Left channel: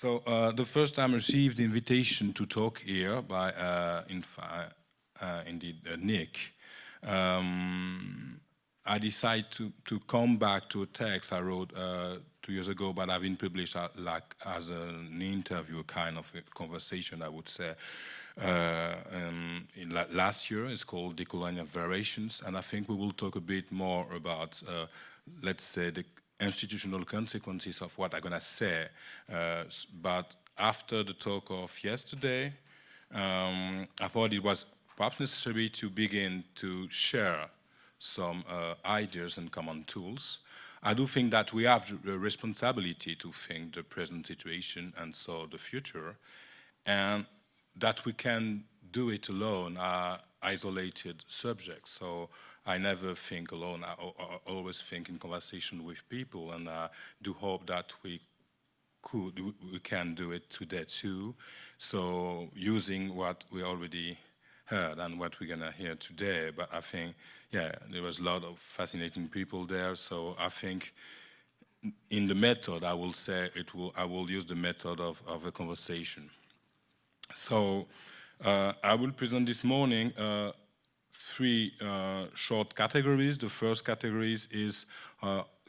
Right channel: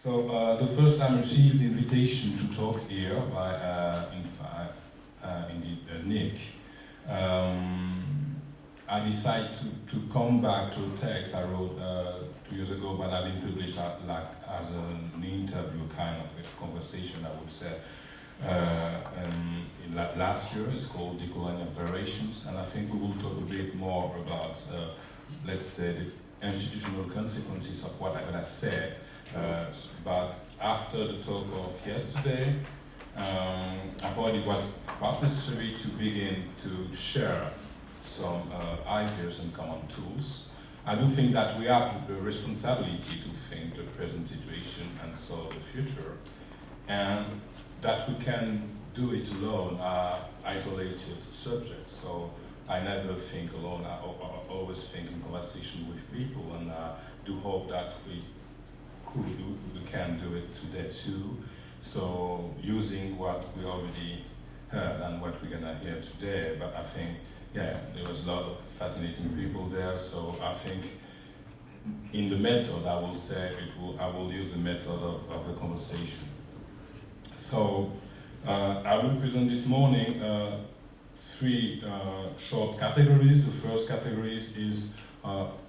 The first time I received the invitation to talk here by, Nick, I decided to come back to a text I wrote 2 years ago, but I've been published as an interview, kind of a conversation, I would say. Last year, it's called Decolonial Variations, and I think we will talk a bit more about, let's say, the institutional consequences of what I'm going to say. But after the talk of yesterday, I thought it was perhaps necessary to begin to share some ideas and common tools. I do think that we have the responsibility to think the present situation and solve the future, and that we can do it alone are isolated subjects. So I never think alone, I always think in conversation with people, and I do hope that we can do it today too. So using what we already heard and what we're gonna hear today, but I think, yeah, there was a lot of fascinating people there, so I think in the method, I will say I will use the method of a conversation. So I will present this morning three short categories. The first category is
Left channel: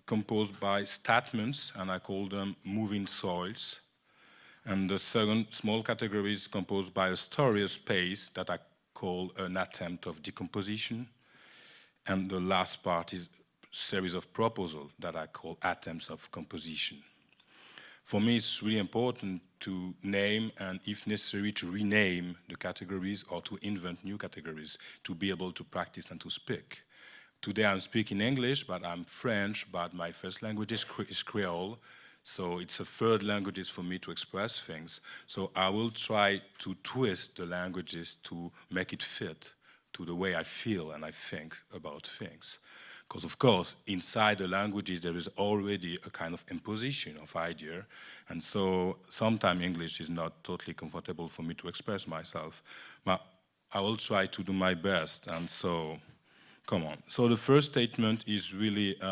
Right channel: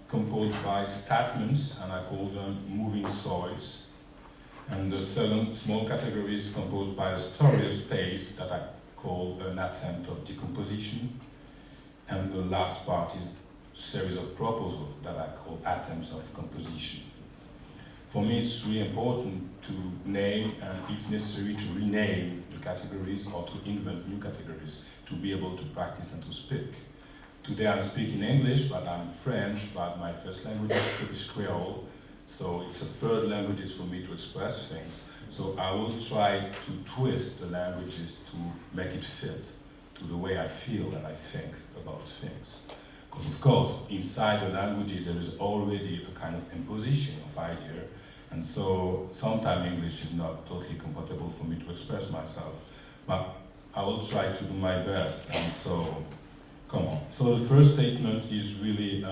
composed by statements, and I call them moving soils. And the second small category is composed by a story of space that I call an attempt of decomposition. And the last part is a series of proposals that I call attempts of composition. For me, it's really important to name and, if necessary, to rename the categories or to invent new categories to be able to practice and to speak. Today I'm speaking English, but I'm French, but my first language is Creole, so it's a third language for me to express things. So I will try to twist the languages to make it fit to the way I feel and I think about things. Because of course, inside the languages there is already a kind of imposition of idea, and so sometimes English is not totally comfortable for me to express myself, but I will try to do my best, and so, come on. So the first statement is really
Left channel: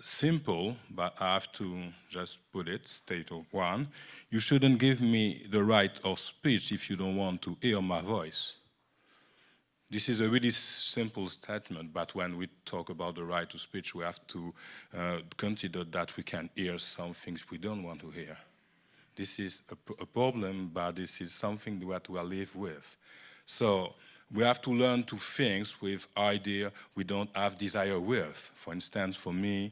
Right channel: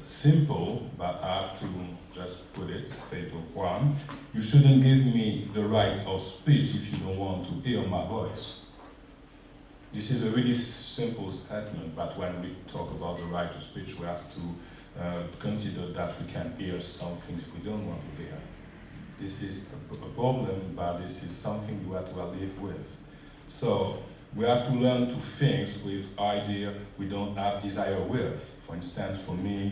simple, but I have to just put it, statement one. You shouldn't give me the right of speech if you don't want to hear my voice. This is a really simple statement, but when we talk about the right to speech, we have to consider that we can hear some things we don't want to hear. This is a problem, but this is something that we'll live with. So we have to learn to think with idea we don't have desire with. For instance, for me,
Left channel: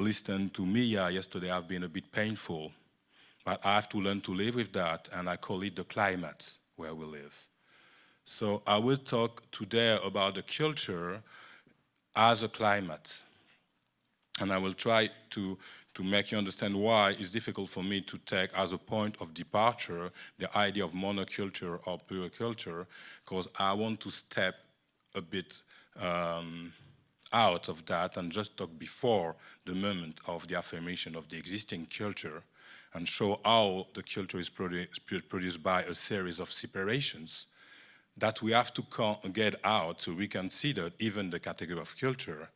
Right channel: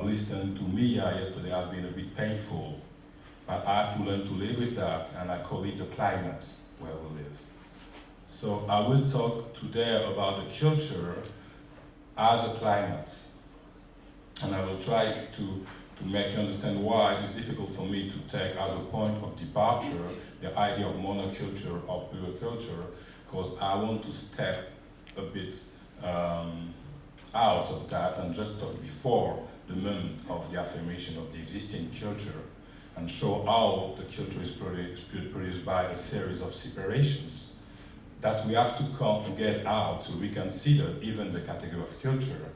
listening to Mia yesterday has been a bit painful, but I have to learn to live with that, and I call it the climate where we live. So I will talk today about the culture as a climate, and I will try to make you understand why it's difficult for me to take as a point of departure the idea of monoculture or pluriculture, because I want to step a bit out of that and just talk before the moment of the affirmation of the existing culture and show how the culture is produced by a series of separations that we have to get out to reconsider even the category of culture,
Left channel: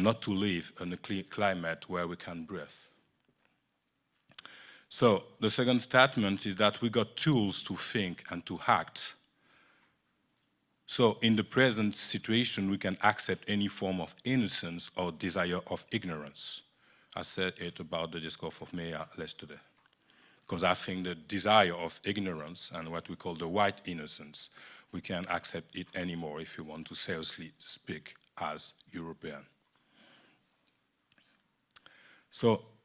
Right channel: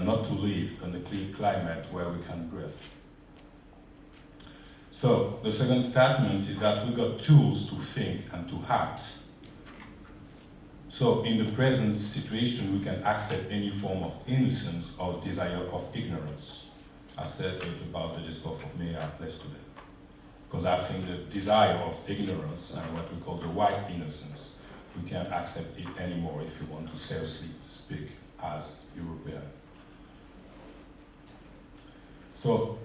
not to live in a clean climate where we can breathe. So the second statement is that we got tools to think and to act. So in the present situation, we can accept any form of innocence or desire of ignorance. I said it about the discourse of Mea yesterday, because I think the desire of ignorance and what we call the white innocence, we can't accept it anymore if we want to seriously speak as European. So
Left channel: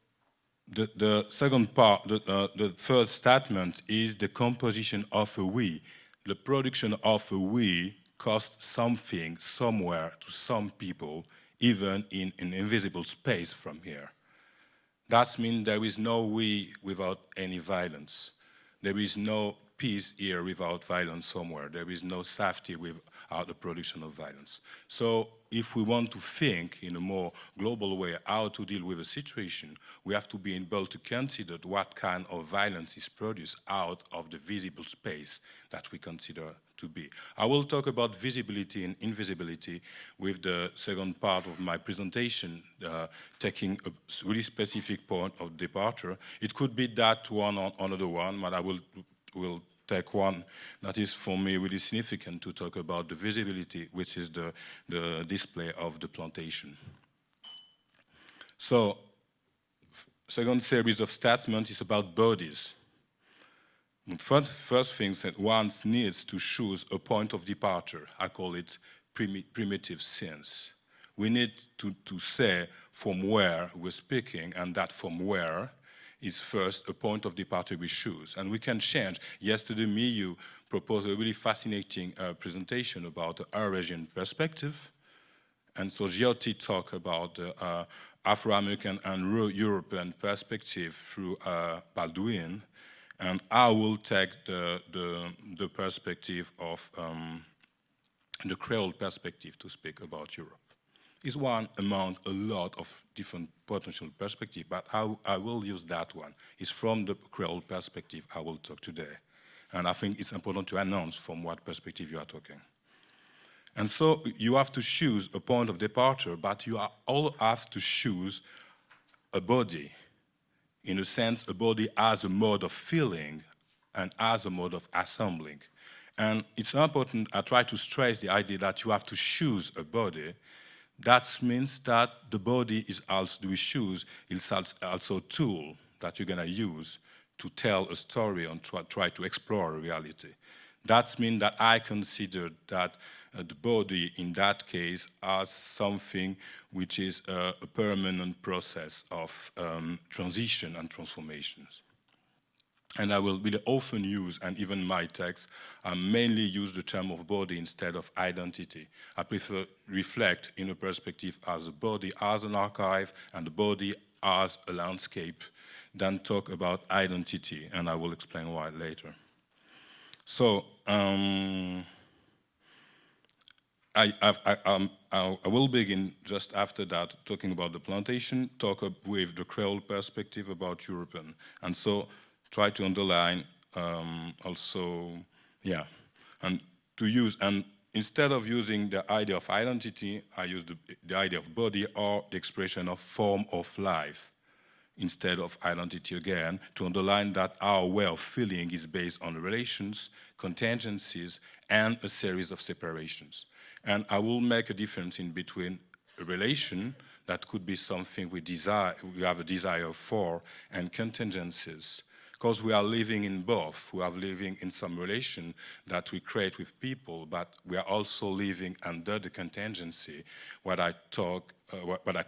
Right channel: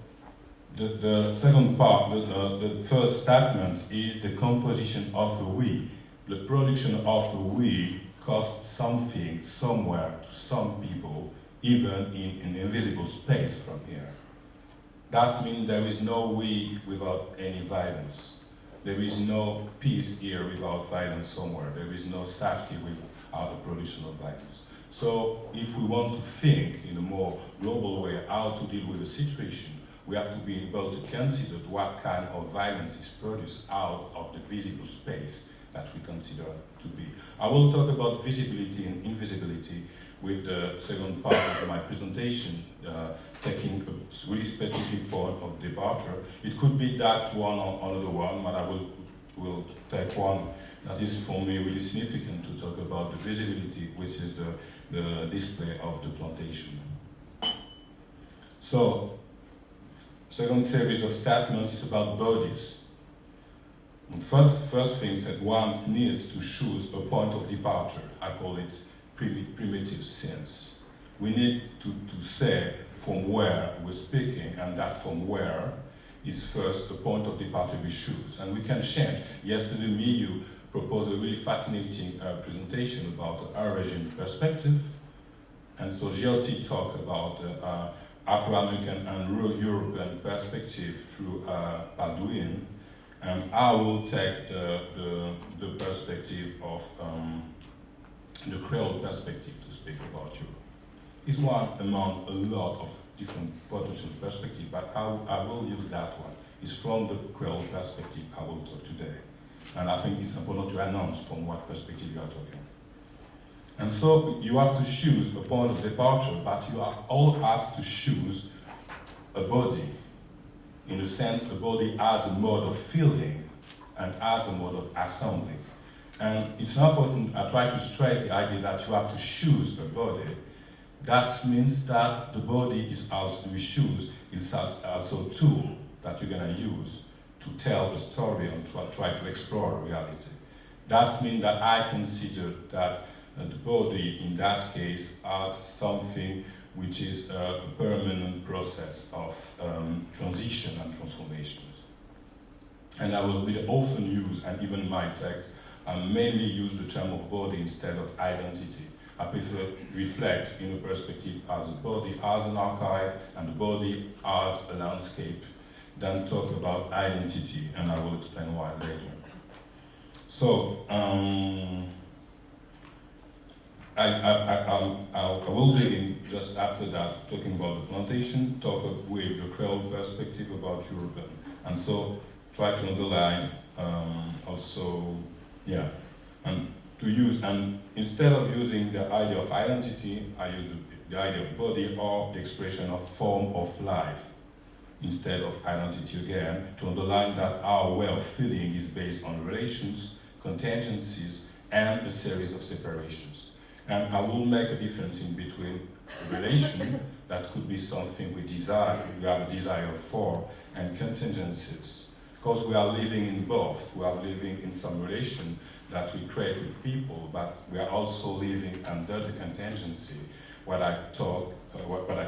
the second part, the third statement is the composition of a we. The production of a we costs something somewhere to some people, even in an invisible space from here. That means there is no we without any violence. There is no peace here without violence somewhere. There is no safety without the production of violence. So if we want to think in a more global way how to deal with the situation, we have to be able to consider what kind of violence is produced out of the visible space that we consider to be. I will talk about visibility and invisibility, with the second part of my presentation, taking a really specific point of departure. It could be that one or another one, but I will take one that is for me really significant to talk about the visibility, which is the display of the plantation. So, second series of statements is about bodies. And first things that one needs to choose a point of departure. I call it primitive sense. We need to say from where we're speaking, and that from where is first a point of departure we choose. And we can change. Yesterday, you proposed a really fascinating presentation about the Eurasian perspective. And so Giotti talked about Afro-American and European perspective through Baldwin. And I will take the perspective of the Creole perspective to speak about Europe. It's one among a lot of different potential perspectives, but I will use that one. It's from the Creole perspective I will talk today. And I think it's important to announce from what perspective you are talking. And so you have to choose a point of departure, but you all have to choose a body. In a sense, a body as a mode of feeling and as a mode of assembling. And it's important, I try to stress the idea that you have to choose a body. That means that the body is also, we choose, it's also a tool that you're gonna use to tell a story and to try to explore reality. That means that I consider that the body in that case as something which is a permanent process of transition and transformations. And I will often use, and even in my text, I mainly use the term of body instead of identity. I prefer reflect in a perspective as a body, as an archive, and the body as a landscape, than talk about identity, and I will explain why later. So, I will begin just after that talking about the plantation, talk with the Creole perspective about European, and so try to underline also, and to use, and instead of using the idea of identity, I use the idea of body or the expression of form of life instead of identity again, to underline that our way of feeling is based on relations, contingencies, and a series of separations. And I will make a difference in between a relation that could be something we desire, we have a desire for, and contingencies. Because we are living in both. We are living in some relation that we create with people, but we are also living under the contingency, what I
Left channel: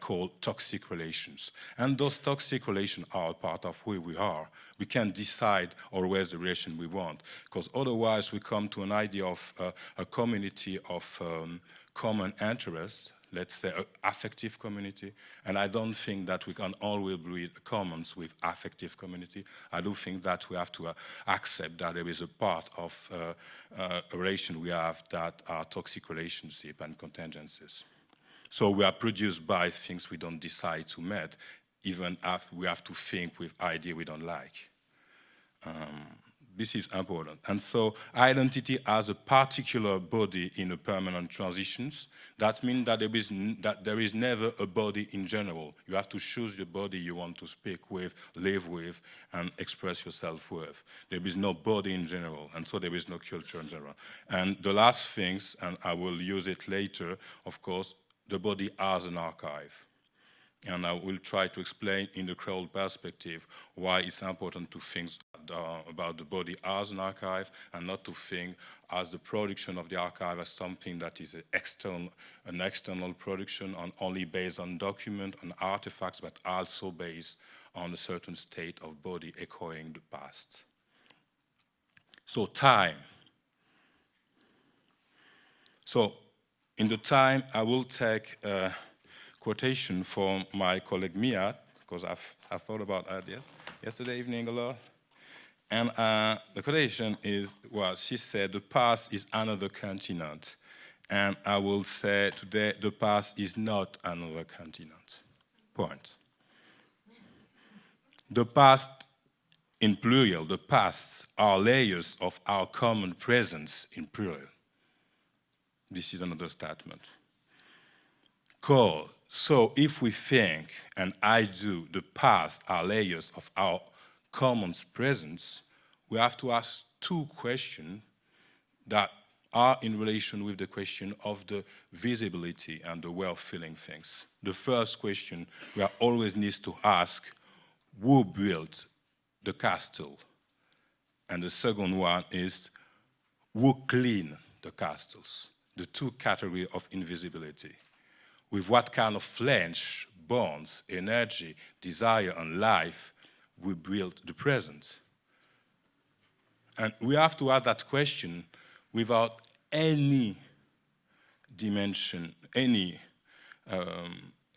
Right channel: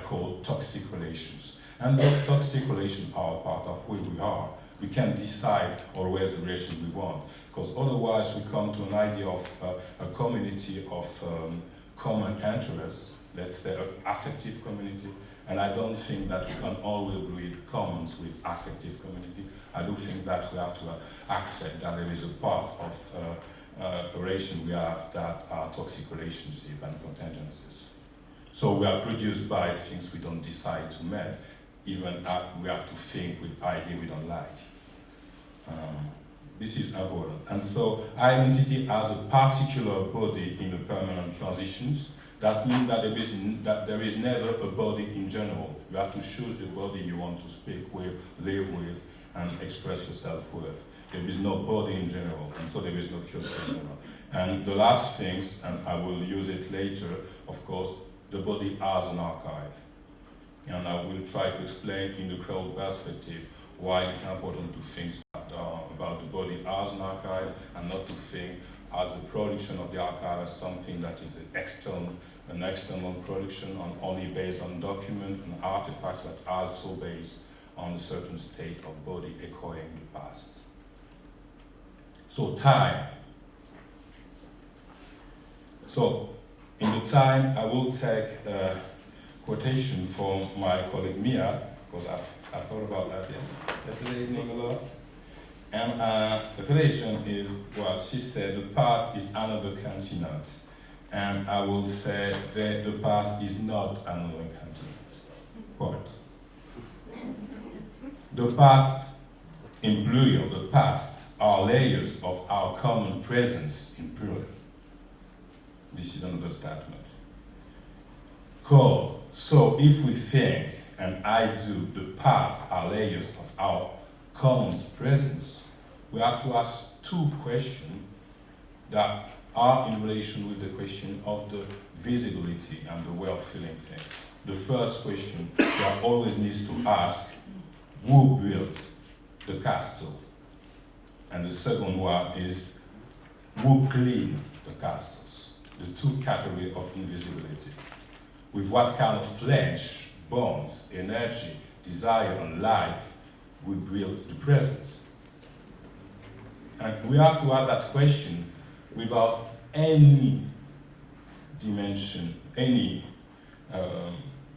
call toxic relations. And those toxic relations are part of who we are. We can decide always the relation we want, because otherwise we come to an idea of a community of common interests, let's say an affective community, and I don't think that we can always build commons with affective community. I do think that we have to accept that there is a part of a relation we have that are toxic relationship and contingencies. So we are produced by things we don't decide to meet, even if we have to think with idea we don't like. This is important. And so identity as a particular body in a permanent transitions, that means that there is never a body in general. You have to choose the body you want to speak with, live with, and express yourself with. There is no body in general, and so there is no culture in general. And the last things, and I will use it later, of course, the body as an archive. And I will try to explain in the Creole perspective why it's important to think about the body as an archive and not to think as the production of the archive as something that is an external production only based on documents and artifacts, but also based on a certain state of body echoing the past. So time. So in the time, I will take a quotation from my colleague Mia, because I've thought about that yesterday evening a lot. And the quotation is, well, she said, the past is another continent. And I will say that the past is not another continent. Point. The past, in plural, the past are layers of our common presence in plural. This is another statement. So if we think, and I do, the past are layers of our common presence, we have to ask two questions that are in relation with the question of the visibility and the way of feeling things. The first question one always needs to ask, who built the castle? And the second one is, who cleaned the castles? The two categories of invisibility. With what kind of flesh, bones, energy, desire, and life we build the present? And we have to ask that question without any dimension, any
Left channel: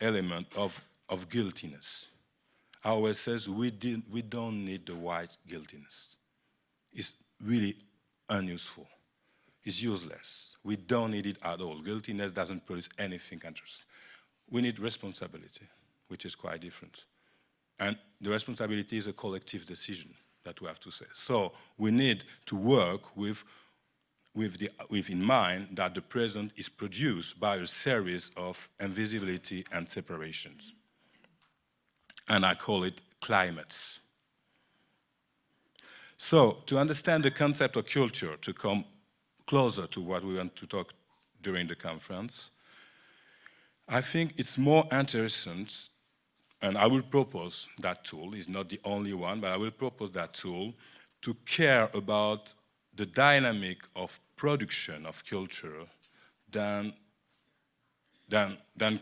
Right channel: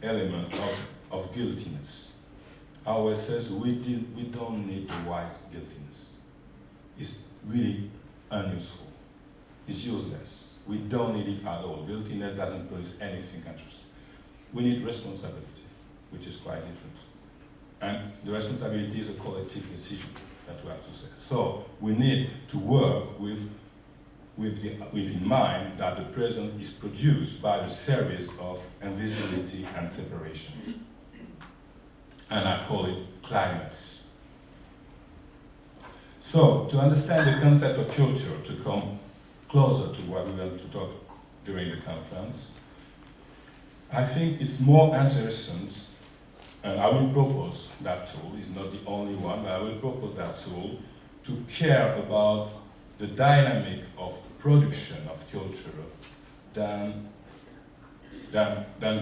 element of guiltiness. Howard says we don't need the white guiltiness. It's really unuseful. It's useless. We don't need it at all. Guiltiness doesn't produce anything interesting. We need responsibility, which is quite different. And the responsibility is a collective decision that we have to say. So we need to work with in mind that the present is produced by a series of invisibility and separation. And I call it climates. So to understand the concept of culture, to come closer to what we want to talk during the conference, I think it's more interesting, and I will propose that tool. It's not the only one, but I will propose that tool to care about the dynamic of production of culture than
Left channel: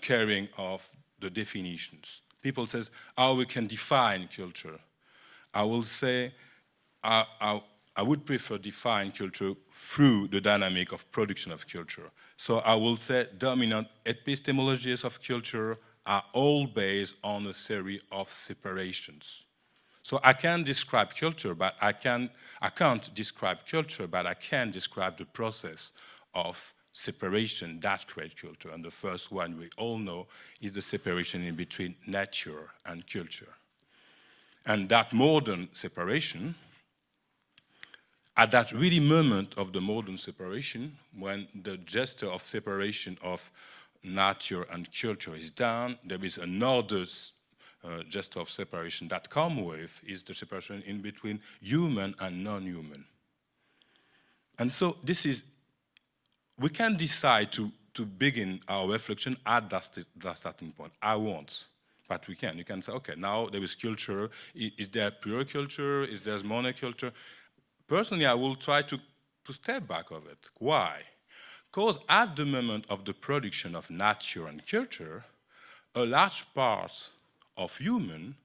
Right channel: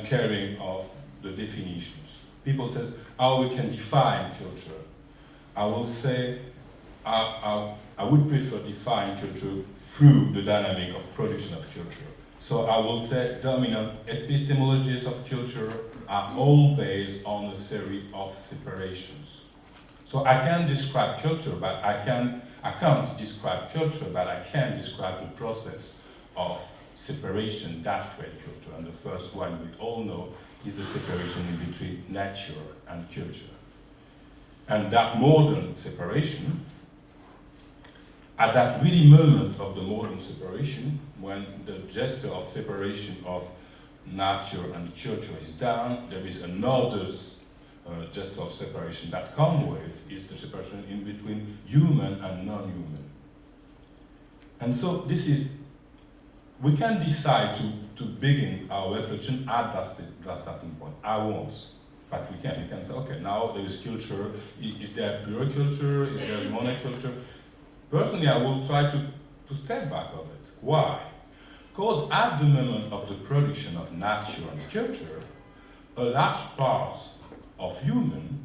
caring of the definitions. People says how we can define culture. I will say I would prefer define culture through the dynamic of production of culture. So I will say dominant epistemologies of culture are all based on a series of separations. So I can describe culture, but I can't describe culture, but I can describe the process of separation that creates culture. And the first one we all know is the separation in between nature and culture. And that modern separation, at that really moment of the modern separation, when the gesture of separation of nature and culture is done, there is another gesture of separation that comes with, is the separation in between human and non-human. And so we can decide to begin our reflection at that starting point. I won't, but we can. You can say, okay, now there is culture. Is there pure culture? Is there monoculture? Personally, I will try to step back of it. Why? Because at the moment of the production of nature and culture, a large part of human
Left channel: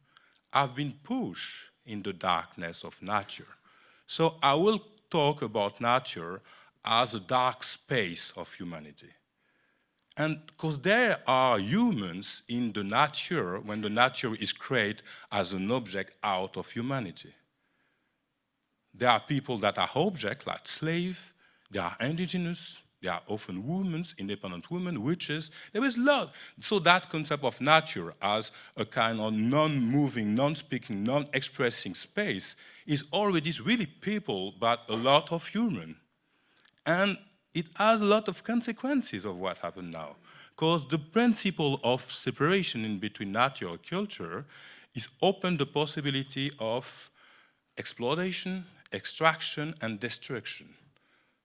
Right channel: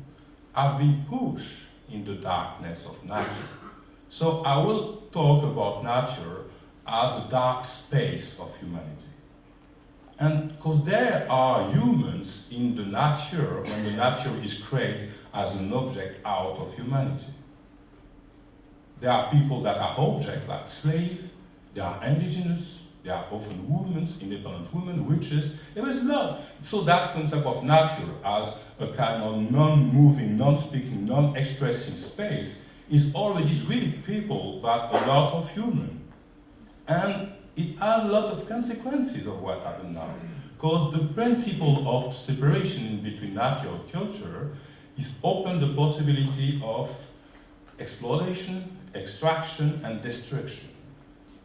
have been pushed in the darkness of nature. So I will talk about nature as a dark space of humanity. And because there are humans in the nature when the nature is created as an object out of humanity. There are people that are objects like slaves, they are indigenous, they are often women, independent women, witches. There is a lot. So that concept of nature as a kind of non-moving, non-speaking, non-expressing space is already really people, but a lot of human. And it has a lot of consequences of what happened now. Because the principle of separation in between nature and culture is open the possibility of exploitation, extraction, and destruction.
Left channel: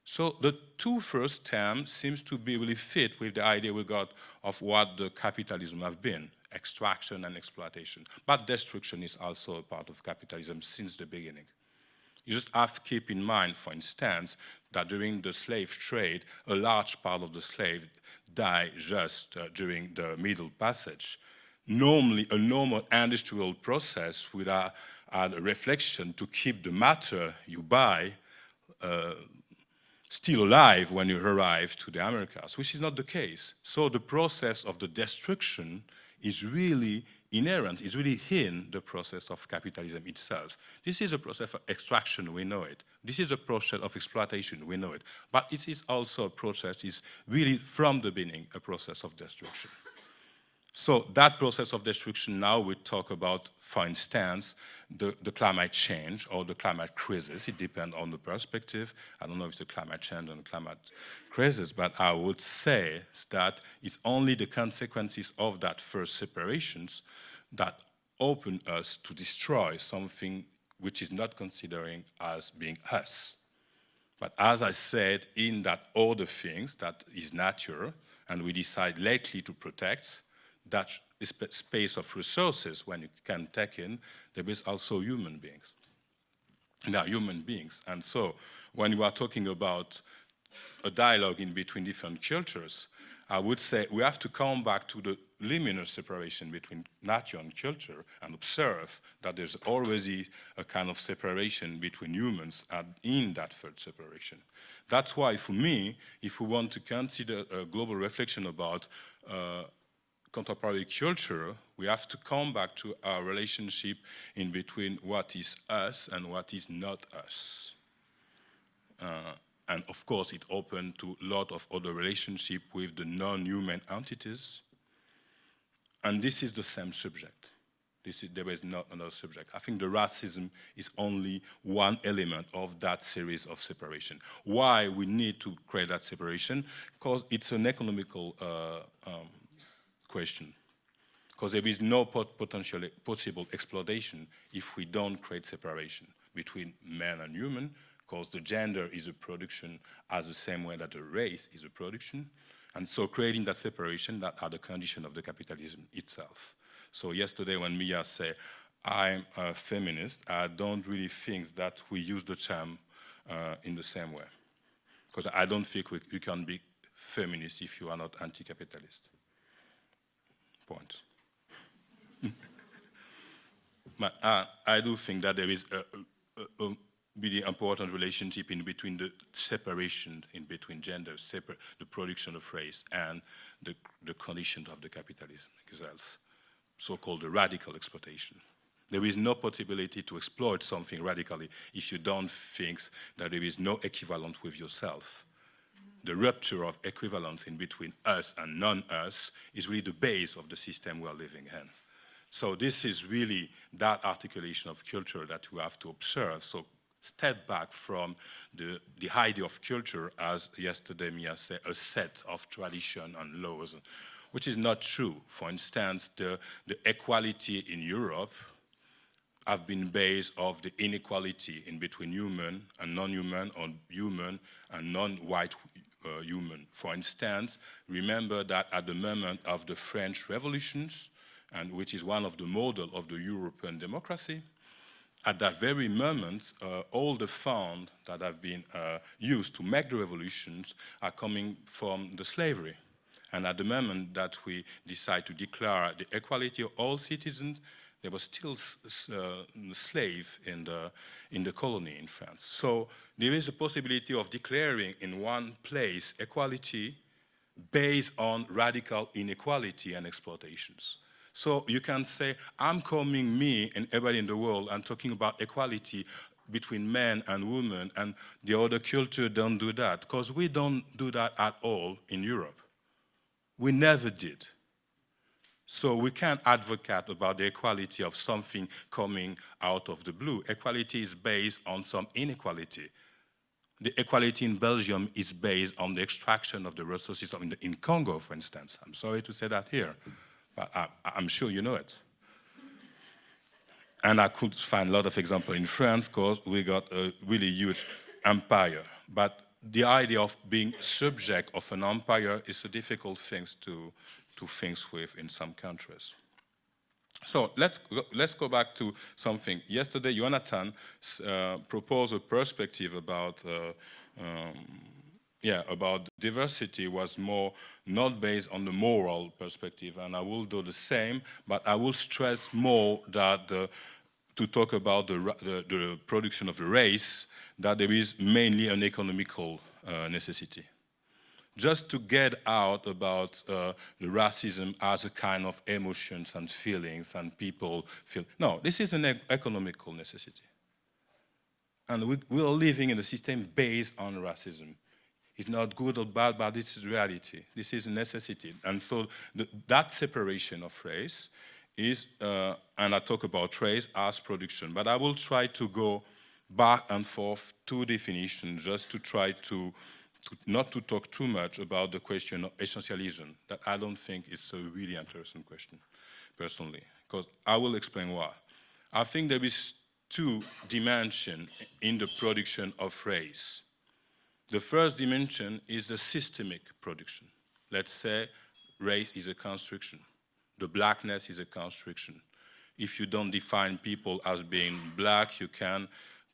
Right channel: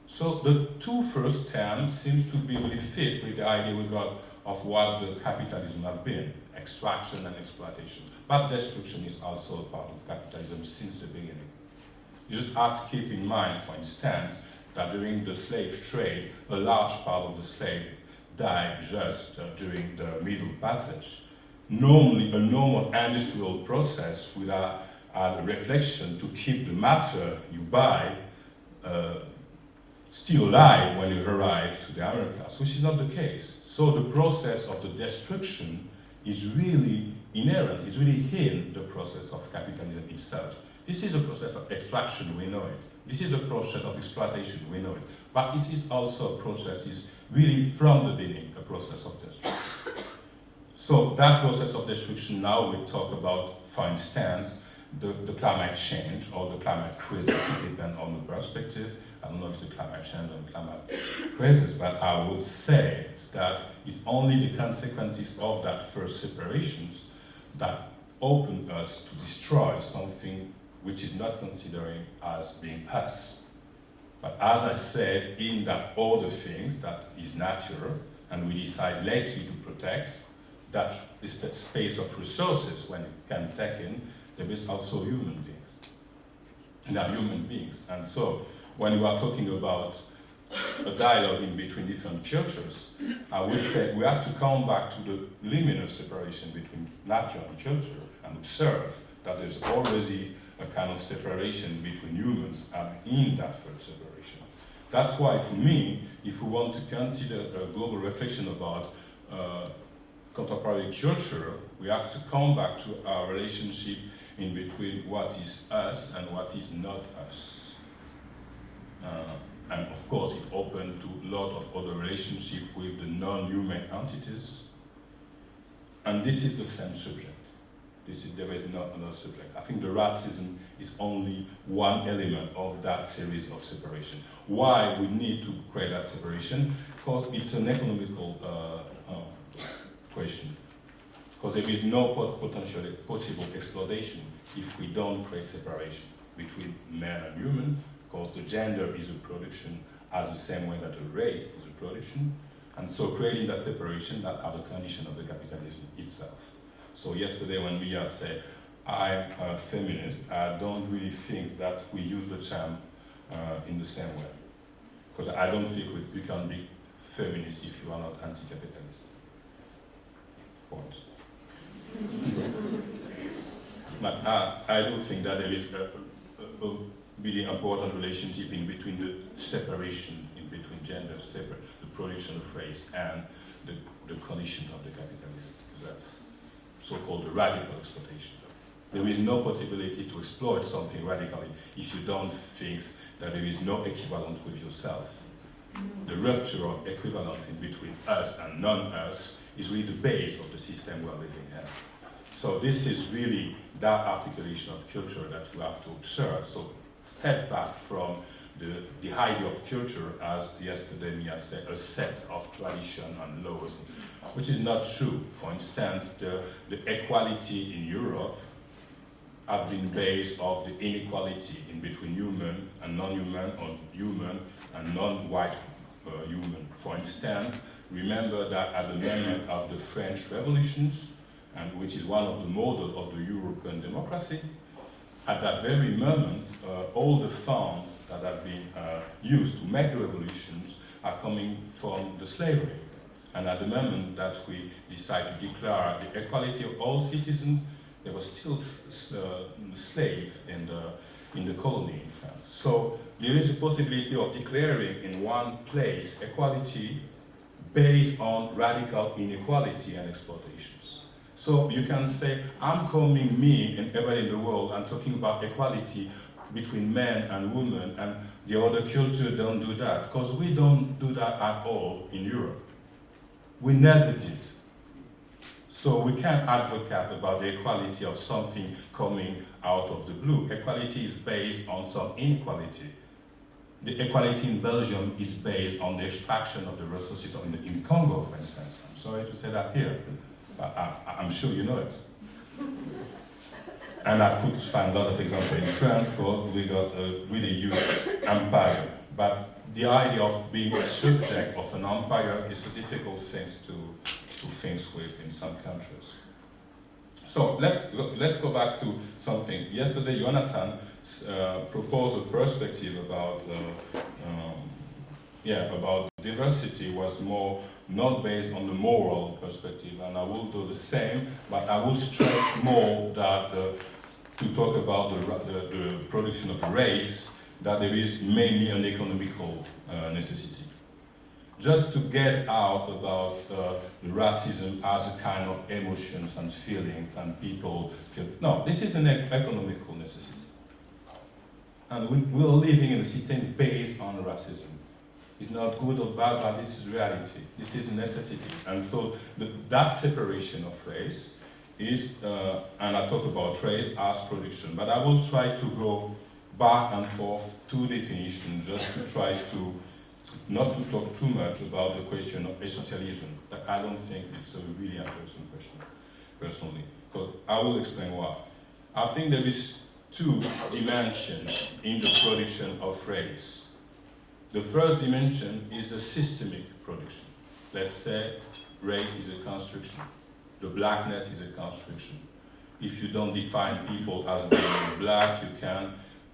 So the two first terms seems to be really fit with the idea we got of what the capitalism have been, extraction and exploitation. But destruction is also a part of capitalism since the beginning. You just have to keep in mind, for instance, that during the slave trade, a large part of the slave died just during the Middle Passage. Normally, a normal industrial process would have a reflection to keep the matter you buy still alive when you arrive to the Americas, which is not the case. So the process of the destruction is really inherent, is really in the process of capitalism itself. This is a process of extraction, we know it. This is a process of exploitation, we know it. But it is also a process, is really from the beginning, a process of destruction. So that process of destruction now we talk about, for instance, the climate change or the climate crisis, it depends on the perspective, I don't know if it's climate change and climate crisis, but I would say that it's only the consequences of that first separations that open us to destroy something which is not considering as being us. But as I said, in that other things that is natural, and we decide lately to protect, that space of resources, when it can take in, there is also human beings. They are human beings. And so, when we are talking about a dialogue in between different cultures, I would say we have to come back to the liminal separation between nature and culture and observe that there's already a kind of separation between humans and in that first separation. That's why, for me, if we want to consider a global reflection about contemporary culture, we have to come back to our relationship in between what is us and what is not us. And of course, it opened to a lot of other relationships with the non-human entities. And this is the same subject. There is not another subject. I think the racism is only one element of that series of separation. Why we need to create that separation? Because it's an economical question. Because there is no potentially possible exploitation if we don't create separation between man and human, because the gender is a production as the same way that the race is a production. And so creating that separation, that are the condition of the capitalism itself. So yesterday when Mia said, I'm a feminist, I don't really think that we use the term in the same way. Because I don't think you can be feminist if you are not anti-capitalist. Point. But I do think that there is a really important relationship in between the separation, in between gender, the production of race, and the condition of the capitalism, because that's so-called the radical exploitation. There is no possibility to exploit something radically if you don't think that there is no equivalent with yourself. The rupture of equivalence in between us and non-us is really the base of the system we are living in. So this is really that articulation of culture that we have to observe. So step back from the idea of culture as yesterday Mia said, a set of tradition and laws, which is not true. For instance, the equality in Europe have been based on the inequality in between human and non-human, or human and non-white human. For instance, remember that at the moment of the French revolutions, and which is one of the models of the European democracy, at that very moment, all the funds that have been used to make the revolutions are coming from the slavery. And at the moment that we decide to declare the equality of all citizens, there was still slave in the colony in France. So there is a possibility of declaring in one place equality based on radical inequality and exploitations. So you can say, I'm coming, me and everybody in the world, and talking about equality between men and women, and the other culture don't do that, because we don't do that at all in Europe. We never did. So we can't advocate about the equality of something coming out of the blue. Equality is based on some inequality. The equality in Belgium is based on the extraction of the resources in Congo, for instance. I'm sorry to say that here, but I'm sure you know it. And I could find a lot of examples in France, because we got a really huge empire. But the idea of being a subject of an empire is a difficult thing to think with in some countries. So let's go back to something. Yesterday, Jonathan proposed a perspective about diversity was more not based on the moral perspective, and I will do the same, but I will stress more that to talk about the production of a race, that there is mainly an economical necessity. Just to get out about the racism as a kind of emotions and feelings and people feel. No, this is an economical necessity. And we are living in a system based on racism. It's not good or bad, but this is reality. This is a necessity. And so that separation of race is, and I talk about race as production, but I will try to go back and forth two definitions just to try to not to talk too much about the question of essentialism, that I don't think is a really interesting question, personally, because I will explain why. I think there is two dimensions in the production of race. The first dimension is the systemic production. Let's say race is a construction. The blackness is a construction. If you don't define people as being black, you can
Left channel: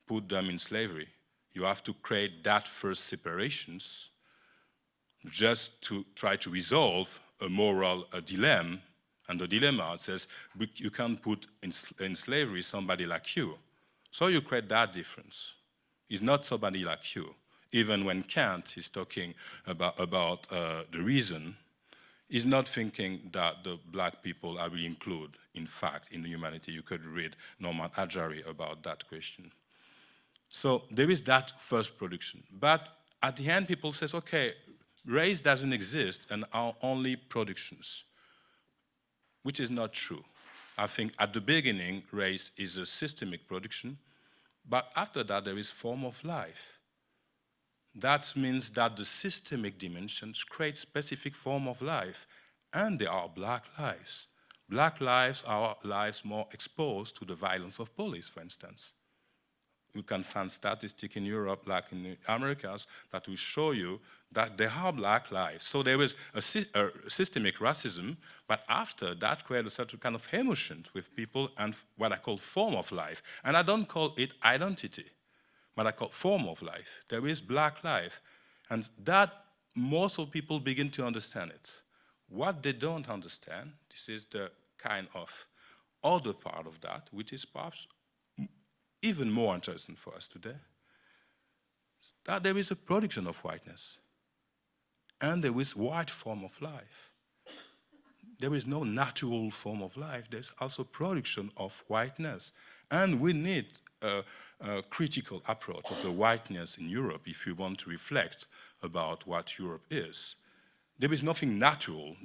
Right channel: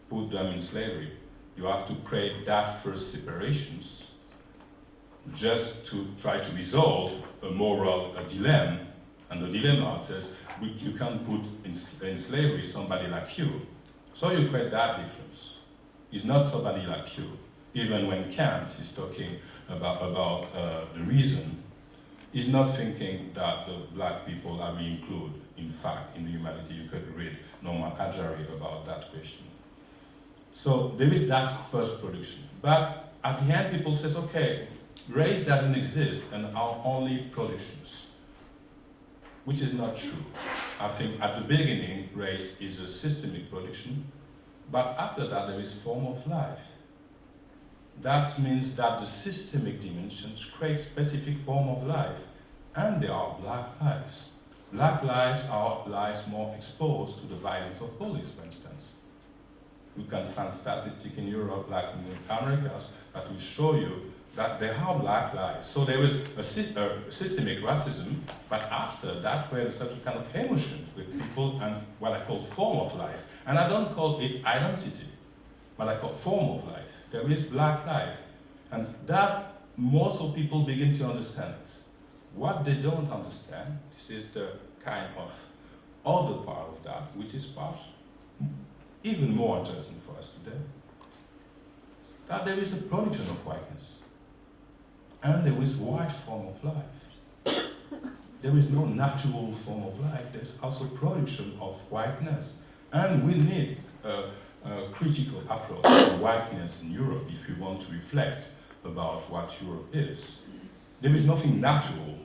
put them in slavery. You have to create that first separations just to try to resolve a moral dilemma. And the dilemma says, you can't put in slavery somebody like you. So you create that difference. It's not somebody like you. Even when Kant is talking about the reason, he's not thinking that the black people are really included. In fact, in the humanity, you could read Norman Ajari about that question. So there is that first production. But at the end, people says, okay, race doesn't exist and are only productions, which is not true. I think at the beginning, race is a systemic production, but after that, there is form of life. That means that the systemic dimensions create specific form of life, and there are black lives. Black lives are lives more exposed to the violence of police, for instance. You can find statistics in Europe, like in the Americas, that will show you that there are black lives. So there is a systemic racism, but after that creates a certain kind of emotion with people and what I call form of life. And I don't call it identity, but I call form of life. There is black life. And that most of people begin to understand it. What they don't understand, this is the kind of other part of that, which is perhaps even more interesting for us today, that there is a production of whiteness. And there is white form of life. There is no natural form of life. There's also production of whiteness. And we need a critical approach to whiteness in Europe if we want to reflect about what Europe is. There is nothing natural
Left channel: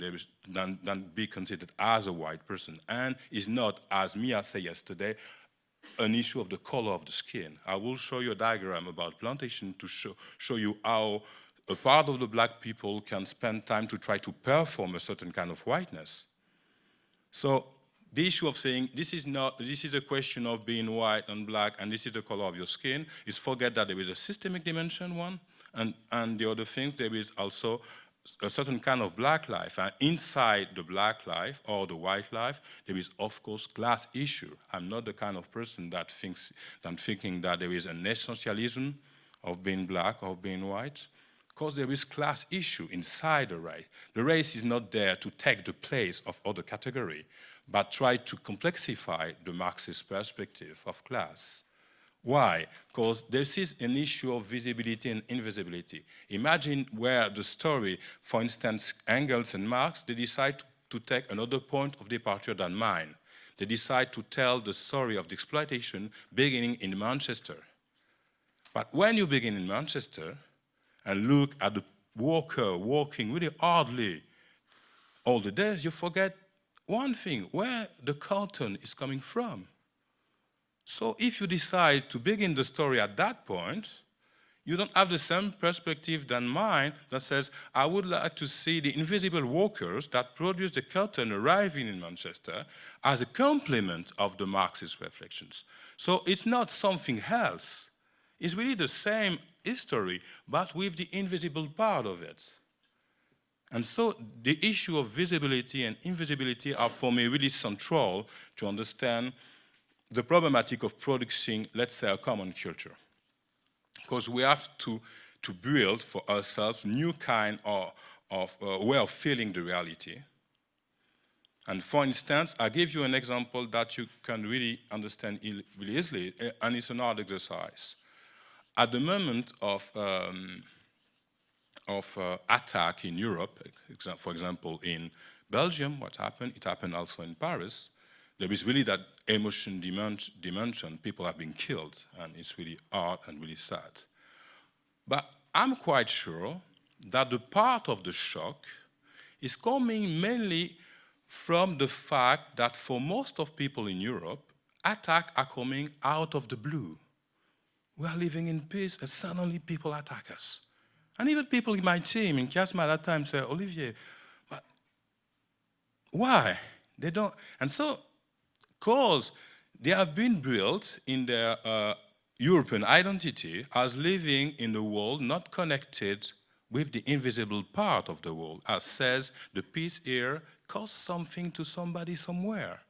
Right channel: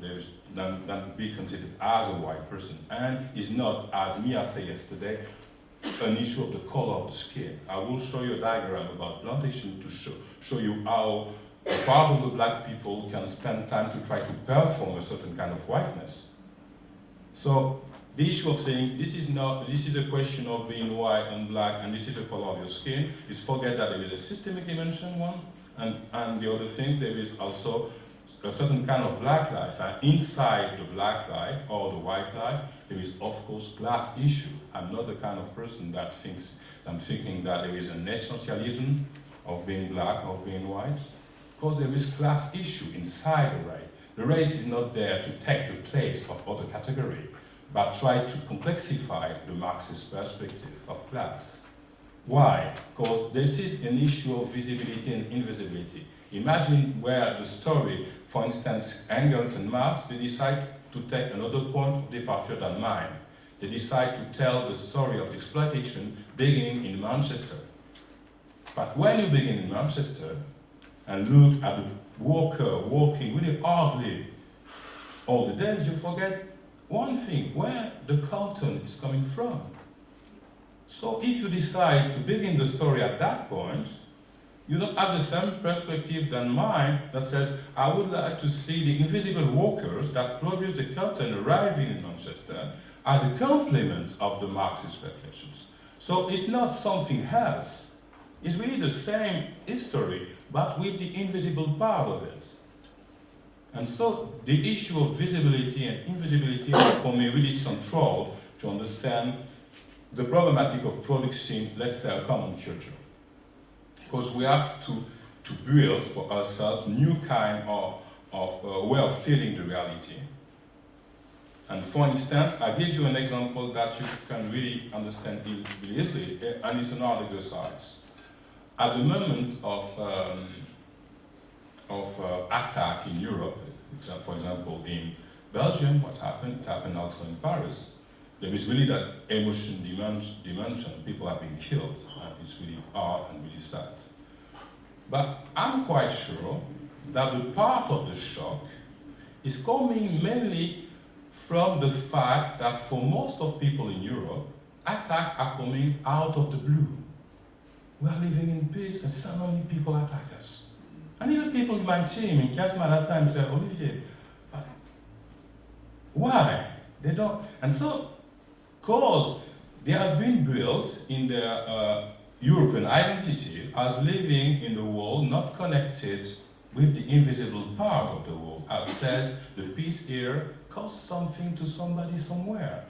than be considered as a white person, and is not, as Mia said yesterday, an issue of the color of the skin. I will show you a diagram about Plantation to show you how a part of the black people can spend time to try to perform a certain kind of whiteness. So the issue of saying this is a question of being white and black and this is the color of your skin, is forget that there is a systemic dimension one, and the other things, there is also a certain kind of black life, and inside the black life or the white life, there is of course class issue. I'm not the kind of person that thinking that there is an essentialism of being black or being white, because there is class issue inside the race. The race is not there to take the place of other category, but try to complexify the Marxist perspective of class. Why? Because this is an issue of visibility and invisibility. Imagine where the story, for instance, Engels and Marx, they decide to take another point of departure than mine. They decide to tell the story of the exploitation beginning in Manchester. But when you begin in Manchester and look at the worker working really hardly all the days, you forget one thing, where the cotton is coming from. So if you decide to begin the story at that point, you don't have the same perspective than mine that says, I would like to see the invisible workers that produce the cotton arriving in Manchester as a complement of the Marxist reflections. So it's not something else. It's really the same history, but with the invisible part of it. And so the issue of visibility and invisibility are for me really central to understand the problematic of producing, let's say, a common culture. Because we have to build for ourselves new kind of way of feeling the reality. And for instance, I give you an example that you can really understand really easily, and it's an art exercise. At the moment of attack in Europe, for example, in Belgium, what happened? It happened also in Paris. There is really that emotion dimension. People have been killed, and it's really hard and really sad. But I'm quite sure that the part of the shock is coming mainly from the fact that for most of people in Europe, attacks are coming out of the blue. we are living in peace, and suddenly people attack us. And even people in my team, in Chiasma at that time, say, Olivier, but why? They don't. And so, because they have been built in their European identity as living in a world not connected with the invisible part of the world, as says the peace here costs something to somebody somewhere.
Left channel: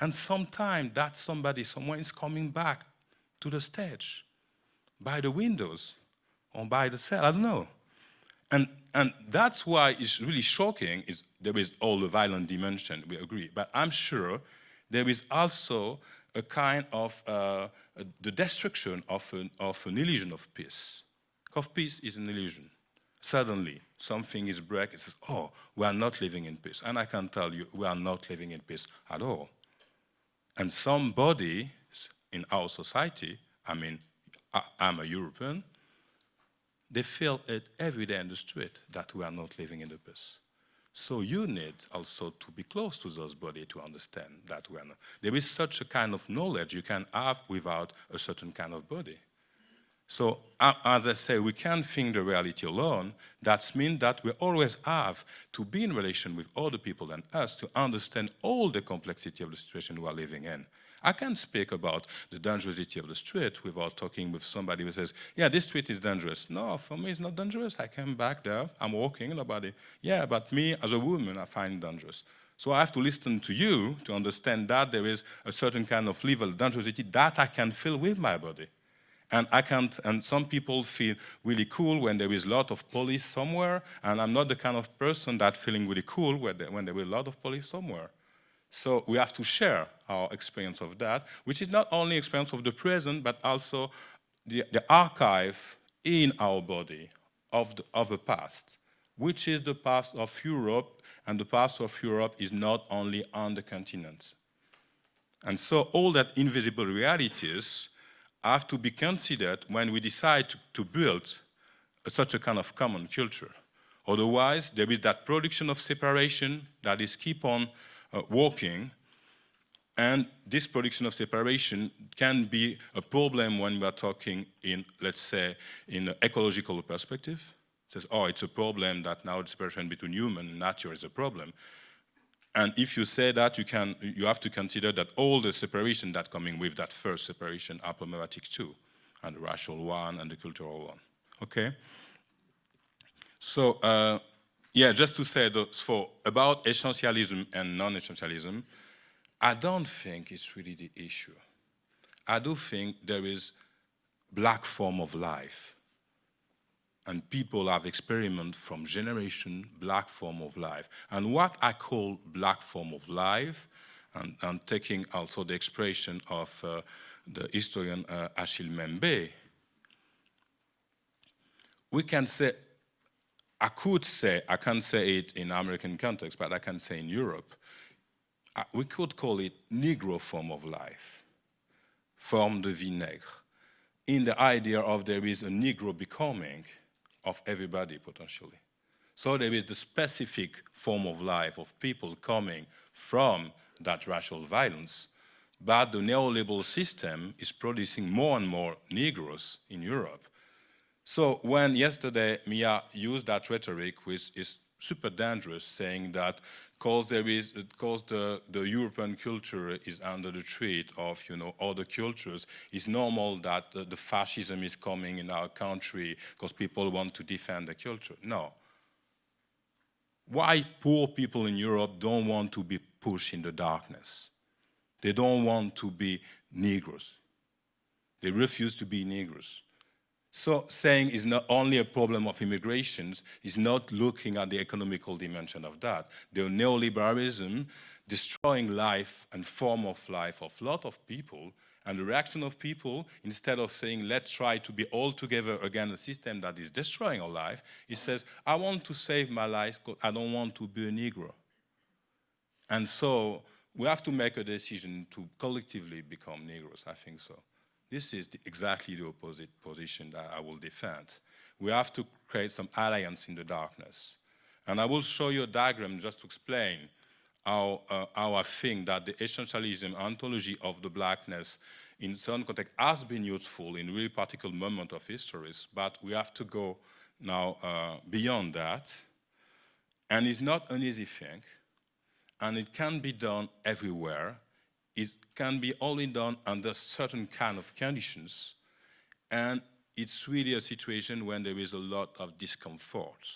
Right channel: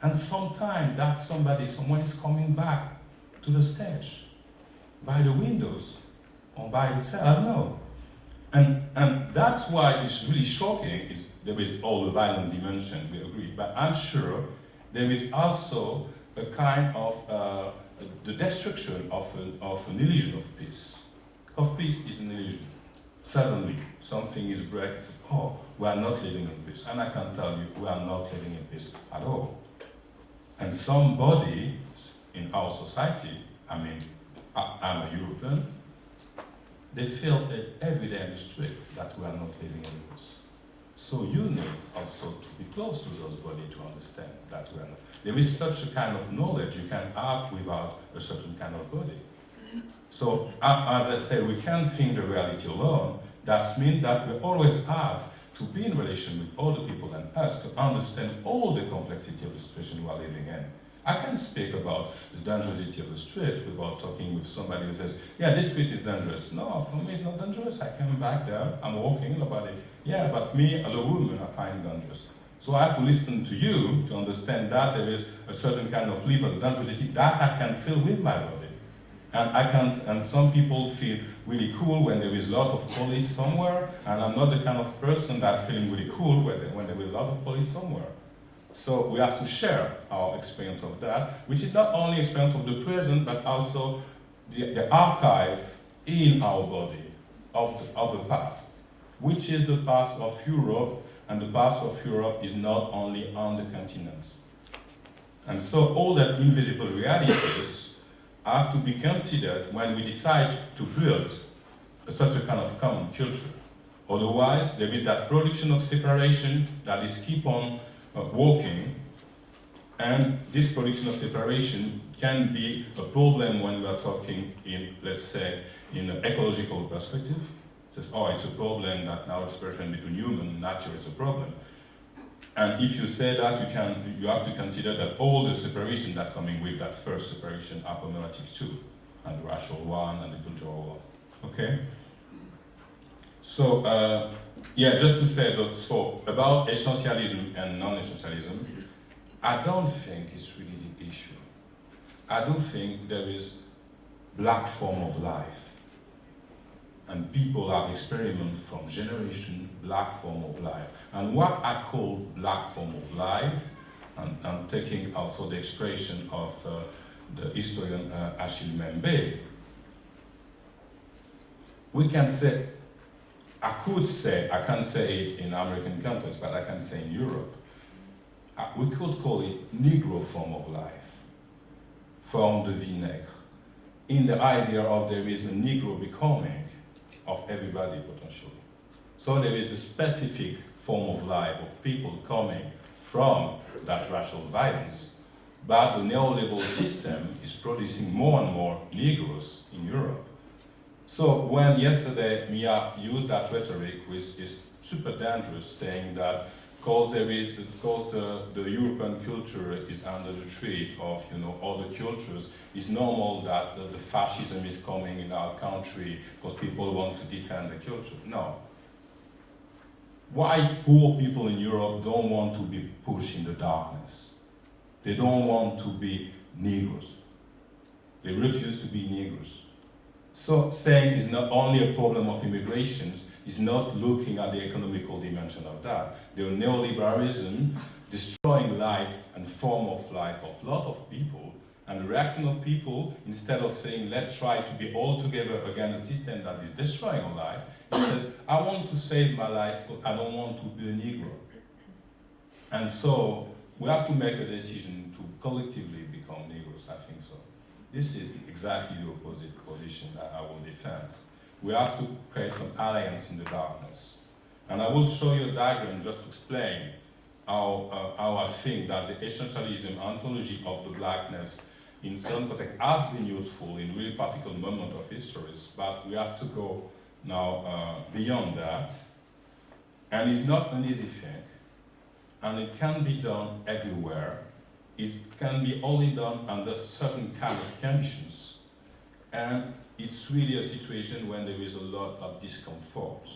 And sometimes that somebody somewhere is coming back to the stage, by the windows, or by the cell, I don't know. And that's why it's really shocking, is there is all the violent dimension, we agree, but I'm sure there is also a kind of the destruction of an illusion of peace. Because peace is an illusion. Suddenly, something is breaking, it says, oh, we are not living in peace. And I can tell you, we are not living in peace at all. And somebody in our society, I mean, I'm a European, they feel it every day in the street that we are not living in peace. So you need also to be close to those bodies to understand that we are not. There is such a kind of knowledge you can have without a certain kind of body. So, as I say, we can't think the reality alone. That means that we always have to be in relation with other people and us to understand all the complexity of the situation we are living in. I can't speak about the dangerousity of the street without talking with somebody who says, yeah, this street is dangerous. No, for me it's not dangerous. I came back there, I'm walking, nobody. Yeah, but me as a woman, I find it dangerous. So I have to listen to you to understand that there is a certain kind of level of dangerosity that I can feel with my body. And I can't, and some people feel really cool when there is a lot of police somewhere, and I'm not the kind of person that feeling really cool when there is a lot of police somewhere. So we have to share our experience of that, which is not only experience of the present, but also the archive in our body of the past, which is the past of Europe, and the past of Europe is not only on the continents. And so all that invisible realities have to be considered when we decide to build such a kind of common culture. Otherwise, there is that production of separation that is keep on working, and this production of separation can be a problem when we are talking in, let's say, in an ecological perspective. It says, oh, it's a problem that now separation between human and nature is a problem. And if you say that, you have to consider that all the separation that coming with that first separation are problematic too, and the racial one and the cultural one. Okay? So, yeah, just to say that about essentialism and non-essentialism, I don't think it's really the issue. I do think there is black form of life. And people have experienced from generation black form of life. And what I call black form of life, and I'm taking also the expression of the historian Achille Mbembe, we can say, I could say, I can't say it in American context, but I can say in Europe, we could call it Negro form of life, forme de vie nègre, in the idea of there is a Negro becoming of everybody potentially. So there is the specific form of life of people coming from that racial violence, but the neoliberal system is producing more and more Negroes in Europe. So when yesterday Mia used that rhetoric, which is super dangerous, saying that because the European culture is under the threat of other cultures, it's normal that the fascism is coming in our country because people want to defend the culture. No. Why poor people in Europe don't want to be pushed in the darkness? They don't want to be Negroes. They refuse to be Negroes. So saying it's not only a problem of immigrations, is not looking at the economical dimension of that. The neoliberalism destroying life and form of life of a lot of people, and the reaction of people, instead of saying let's try to be all together against a system that is destroying our life, it says I want to save my life because I don't want to be a Negro. And so we have to make a decision to collectively become Negroes, I think so. This is exactly the opposite position that I will defend. We have to create some alliance in the darkness. And I will show you a diagram just to explain how I think that the essentialism ontology of the blackness in some context has been useful in really particular moment of histories, but we have to go now beyond that. And it's not an easy thing, and it can be done everywhere. It can be only done under certain kind of conditions. And it's really a situation when there is a lot of discomfort.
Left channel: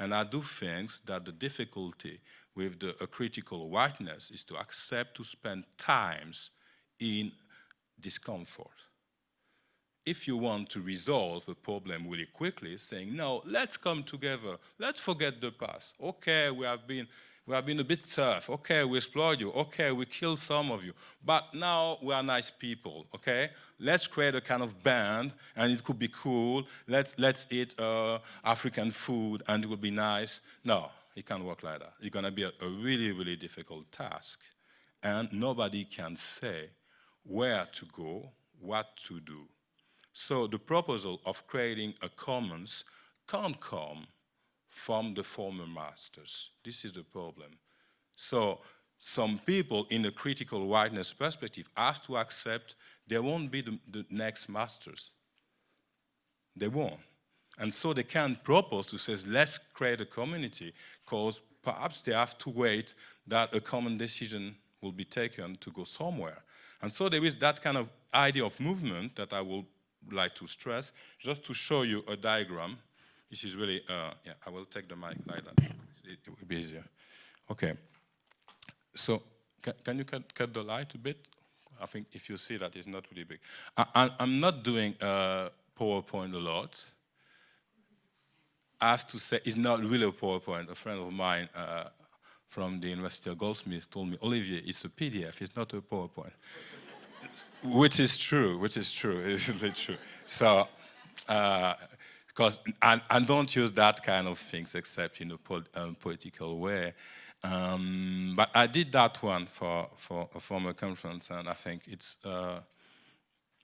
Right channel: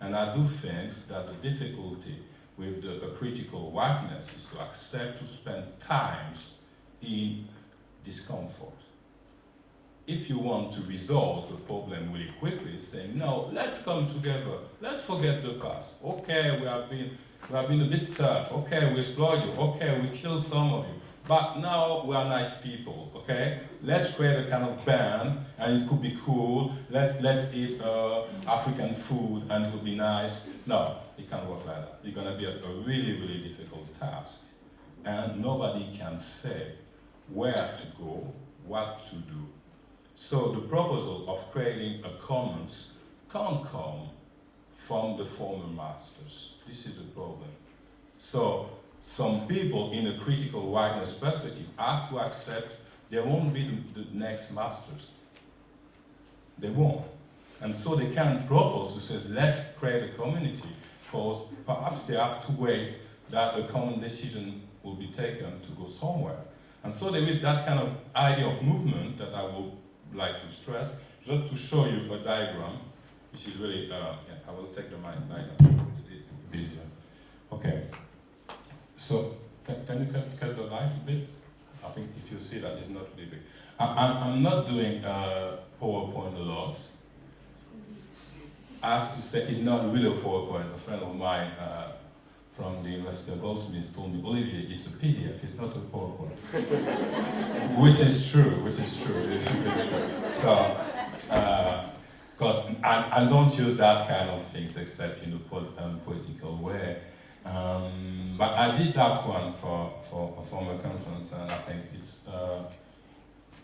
And I do think that the difficulty with a critical whiteness is to accept to spend times in discomfort. If you want to resolve the problem really quickly, saying, no, let's come together, let's forget the past. Okay, we have been a bit tough. Okay, we explored you. Okay, we killed some of you. But now we are nice people, okay? Let's create a kind of band, and it could be cool. Let's eat African food, and it would be nice. No, it can't work like that. It's gonna be a really, really difficult task. And nobody can say where to go, what to do. So the proposal of creating a commons can't come from the former masters. This is the problem. So some people in the critical whiteness perspective have to accept they won't be the next masters. They won't. And so they can propose to say, let's create a community, because perhaps they have to wait that a common decision will be taken to go somewhere. And so there is that kind of idea of movement that I would like to stress, just to show you a diagram. This is really, yeah, I will take the mic like that, it will be easier. Okay. So, can you cut the light a bit? I think if you see that it's not really big. I'm not doing PowerPoint a lot. I have to say, it's not really a PowerPoint. A friend of mine from the University of Goldsmiths told me, Olivier, it's a PDF, it's not a PowerPoint. Which is true, it's a bit true. So, because I don't use that kind of things except in a poetical way. But I did that one for a former conference, and I think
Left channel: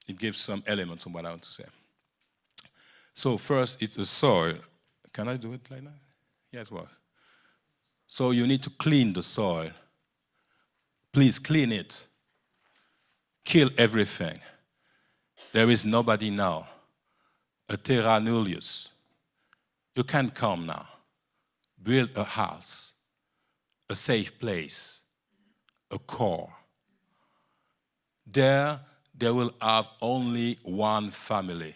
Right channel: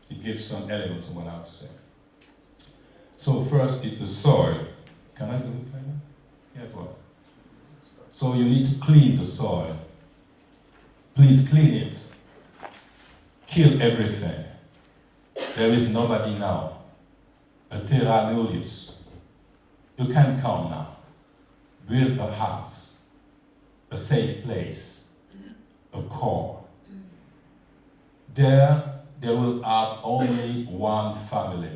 it gives some elements of what I have to say. So first, it's the soil. Can I do it like that? Yes, what? So you need to clean the soil. Please clean it. Kill everything. There is nobody now. A terra nullius. You can come now. Build a house. A safe place, a core. There will have only one family.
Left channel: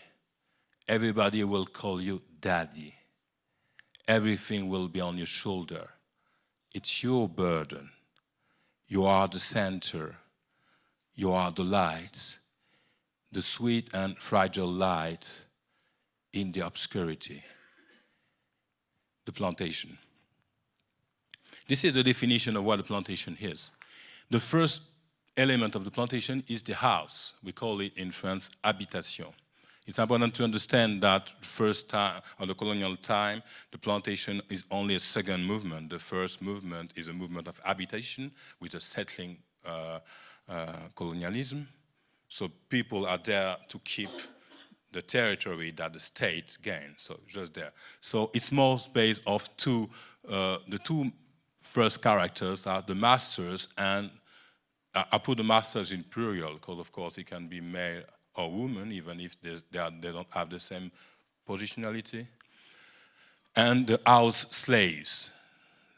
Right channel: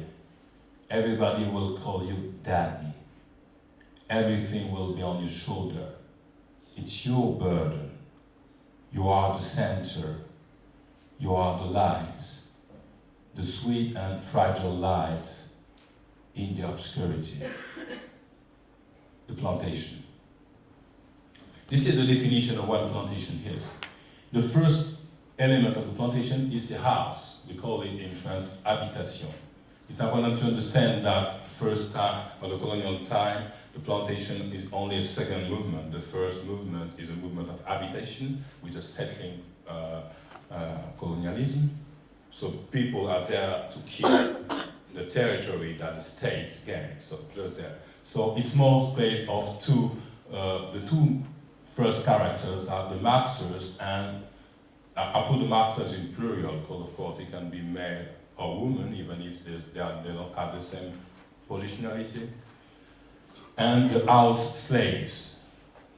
Everybody will call you daddy. Everything will be on your shoulder. It's your burden. You are the center. You are the light, the sweet and fragile light in the obscurity. The plantation. This is the definition of what a plantation is. The first element of the plantation is the house. We call it in France habitation. It's important to understand that first time of the colonial time, the plantation is only a second movement. The first movement is a movement of habitation with a settling colonialism. So people are there to keep the territory that the state gained. So just there. So it's more based of the two first characters are the masters, and I put the masters in plural because, of course, it can be male or woman, even if they don't have the same positionality. And the house slaves.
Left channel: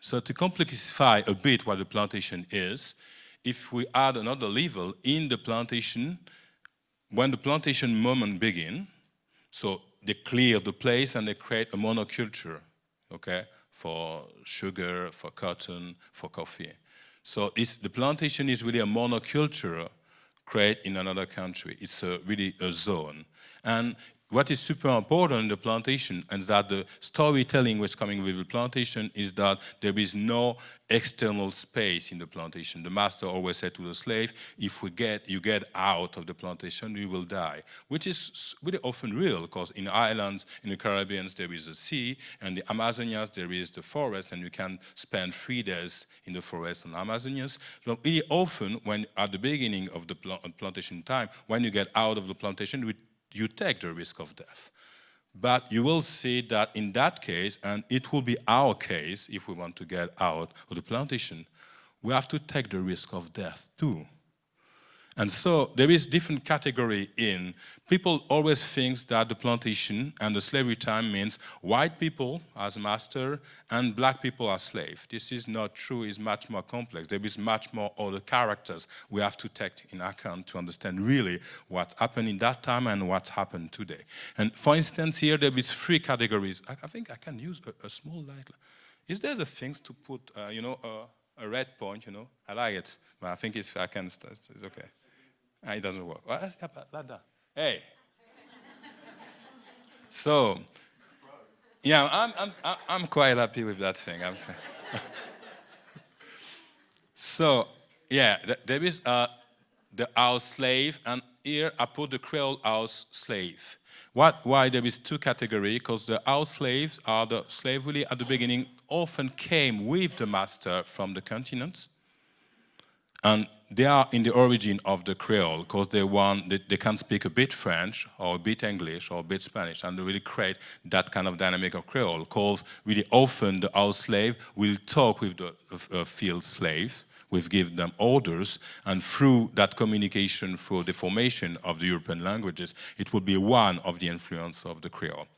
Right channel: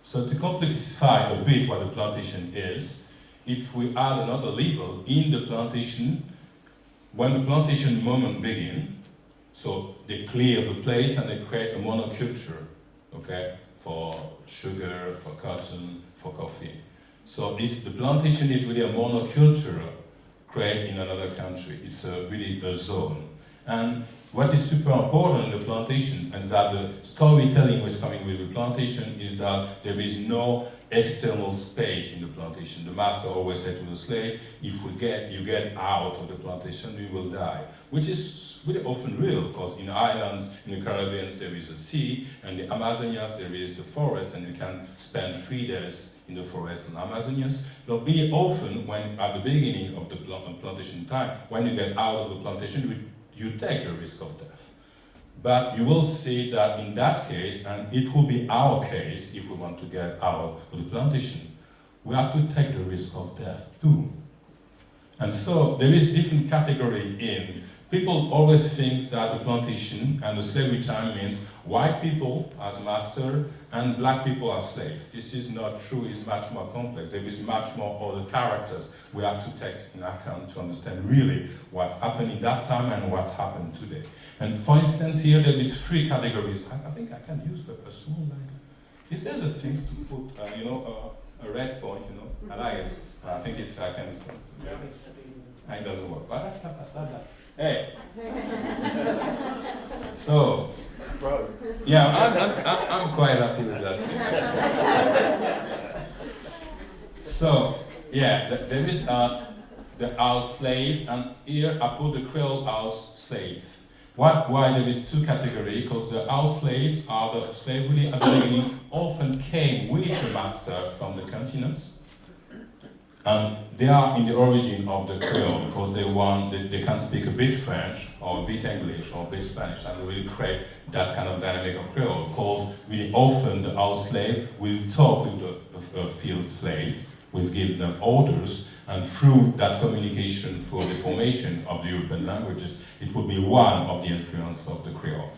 So to complexify a bit what the plantation is, if we add another level in the plantation, when the plantation moment begins, so they clear the place and they create a monoculture, okay? For sugar, for cotton, for coffee. So the plantation is really a monoculture created in another country. It's really a zone. And what is super important in the plantation, and that the storytelling which is coming with the plantation, is that there is no external space in the plantation. The master always said to the slave, if you get out of the plantation, you will die. Which is really often real, because in the islands, in the Caribbean, there is a sea, and the Amazonians, there is the forest, and you can spend 3 days in the forest in the Amazonians. So really often, when at the beginning of the plantation time, when you get out of the plantation, you take the risk of death. But you will see that in that case, and it will be our case if we want to get out of the plantation, we have to take the risk of death too. And so there is different category in. People always think that the plantation and the slavery time means white people as master and black people as slave. This is not true, it's much more complex. There is much more other characters we have to take in account to understand really what happened in that time and what happened today. And for instance, here there is 3 categories. I think I can use a small light. Is there the things to put, a red point, I like it. But I think I can start. Okay. It doesn't work. Well, hey. So, yeah, I'm quite happy with that thing. So, yeah, there is the house slave, and here I put the Creole house slave. Why there is 2 categories? Because the house slaves are the slaves really at the beginning often came with the master from the continent. And they are in the origin of the Creole because they can speak a bit French or a bit English or a bit Spanish, and they really create that kind of dynamic of Creole. Because really often the house slave will talk with the field slave, will give them orders, and through that communication, through the formation of the European languages, it will be one of the influence of the Creole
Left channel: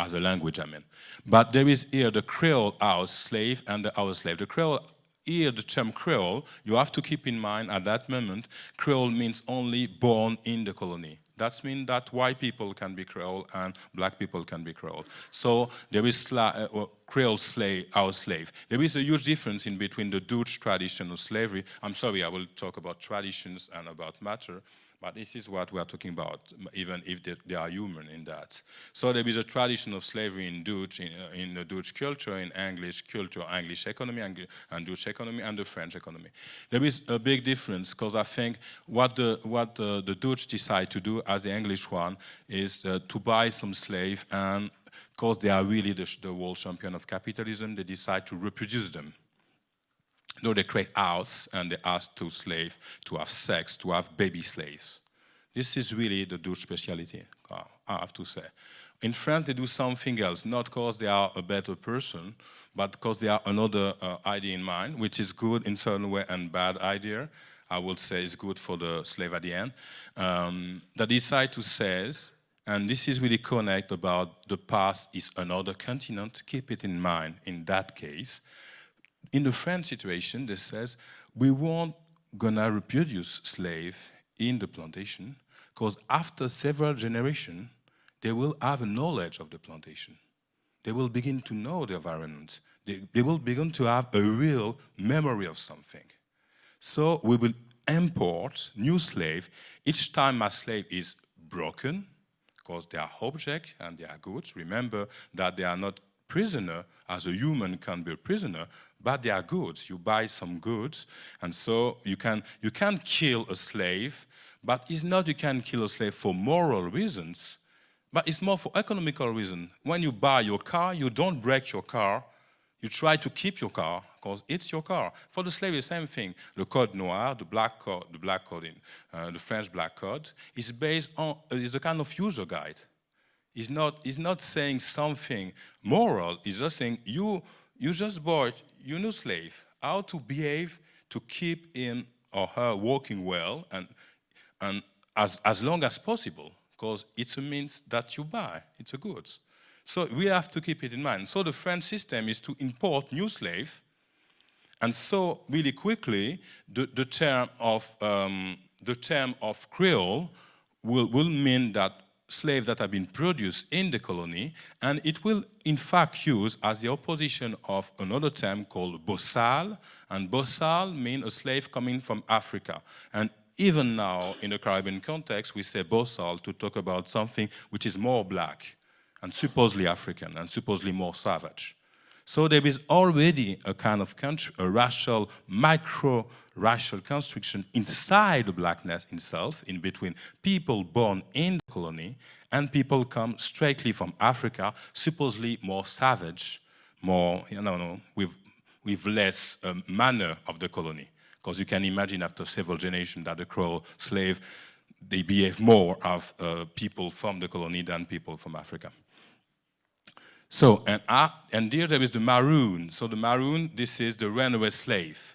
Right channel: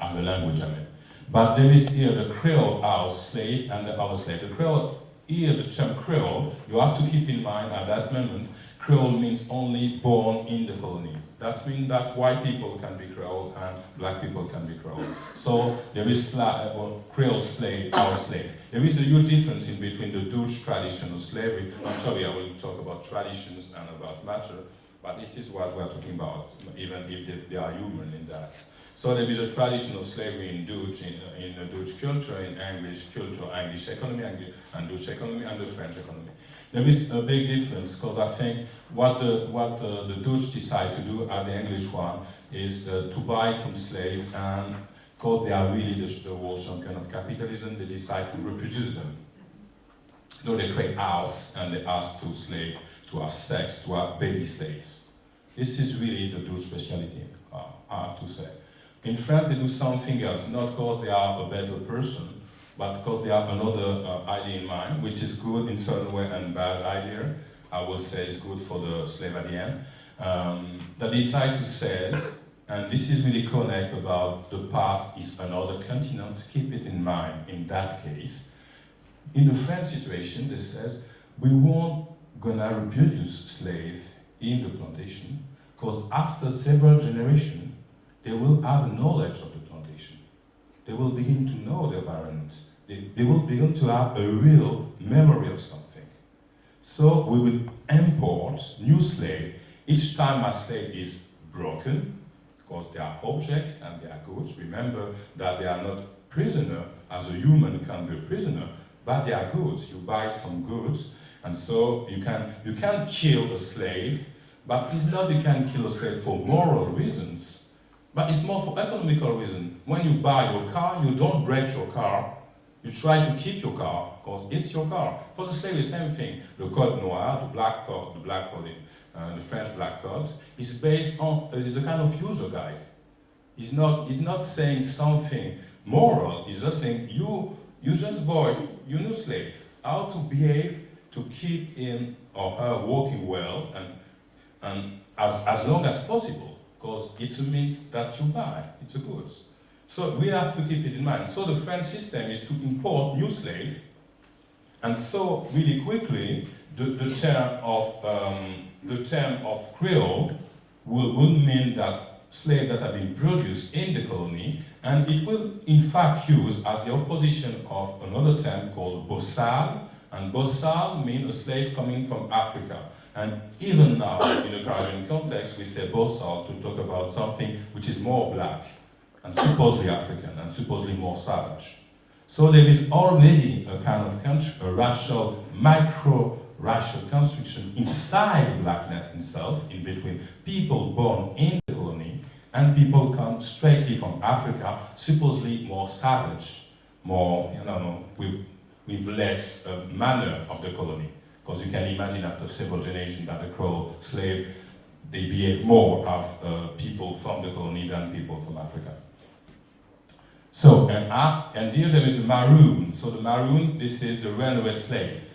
as a language, I mean. But there is here the Creole house slave and the house slave. The Creole, here the term Creole, you have to keep in mind at that moment, Creole means only born in the colony. That means that white people can be Creole and black people can be Creole. So there is Creole slave, house slave. There is a huge difference in between the Dutch tradition of slavery. I'm sorry, I will talk about traditions and about matter, but this is what we are talking about, even if they are human in that. So there is a tradition of slavery in Dutch, in the Dutch culture, in English culture, English economy, and Dutch economy, and the French economy. There is a big difference because I think what the Dutch decide to do as the English one is to buy some slave, and because they are really the world champion of capitalism, they decide to reproduce them. Though they create house and they ask to slave to have sex, to have baby slaves. This is really the Dutch speciality, I have to say. In France, they do something else, not because they are a better person, but because they have another idea in mind, which is good in certain way and bad idea. I would say it's good for the slave at the end. They decide to say, and this is really connect about the past is another continent, keep it in mind in that case. In the French situation, they says, we won't gonna reproduce slave in the plantation, because after several generations, they will have a knowledge of the plantation. They will begin to know the environment. They will begin to have a real memory of something. So we will import new slave each time a slave is broken, because they are object and they are goods. Remember that they are not prisoner, as a human can be a prisoner, but they are goods. You buy some goods, and so you can kill a slave, but it's not you can kill a slave for moral reasons, but it's more for economical reasons. When you buy your car, you don't break your car. You try to keep your car, because it's your car. For the slave, the same thing. The Code Noir, the black code, the French black code, is based on, is a kind of user guide. It's not saying something moral, it's just saying you just bought your new slave, how to behave to keep him or her working well and as long as possible, because it's a means that you buy, it's a goods. So we have to keep it in mind. So the French system is to import new slave, and so really quickly the term of Creole will mean that slaves that have been produced in the colony, and it will in fact use as the opposition of another term called bossal, and bossal means a slave coming from Africa. And even now, in the Caribbean context, we say bossal to talk about something which is more black, and supposedly African, and supposedly more savage. So there is already a kind of a racial, micro-racial construction inside the blackness itself, in between people born in the colony and people come straightly from Africa, supposedly more savage, more, with less manner of the colony. Because you can imagine after several generations that the Creole slave, they behave more of people from the colony than people from Africa. So, and here there is the maroon. So the maroon, this is the runaway slave,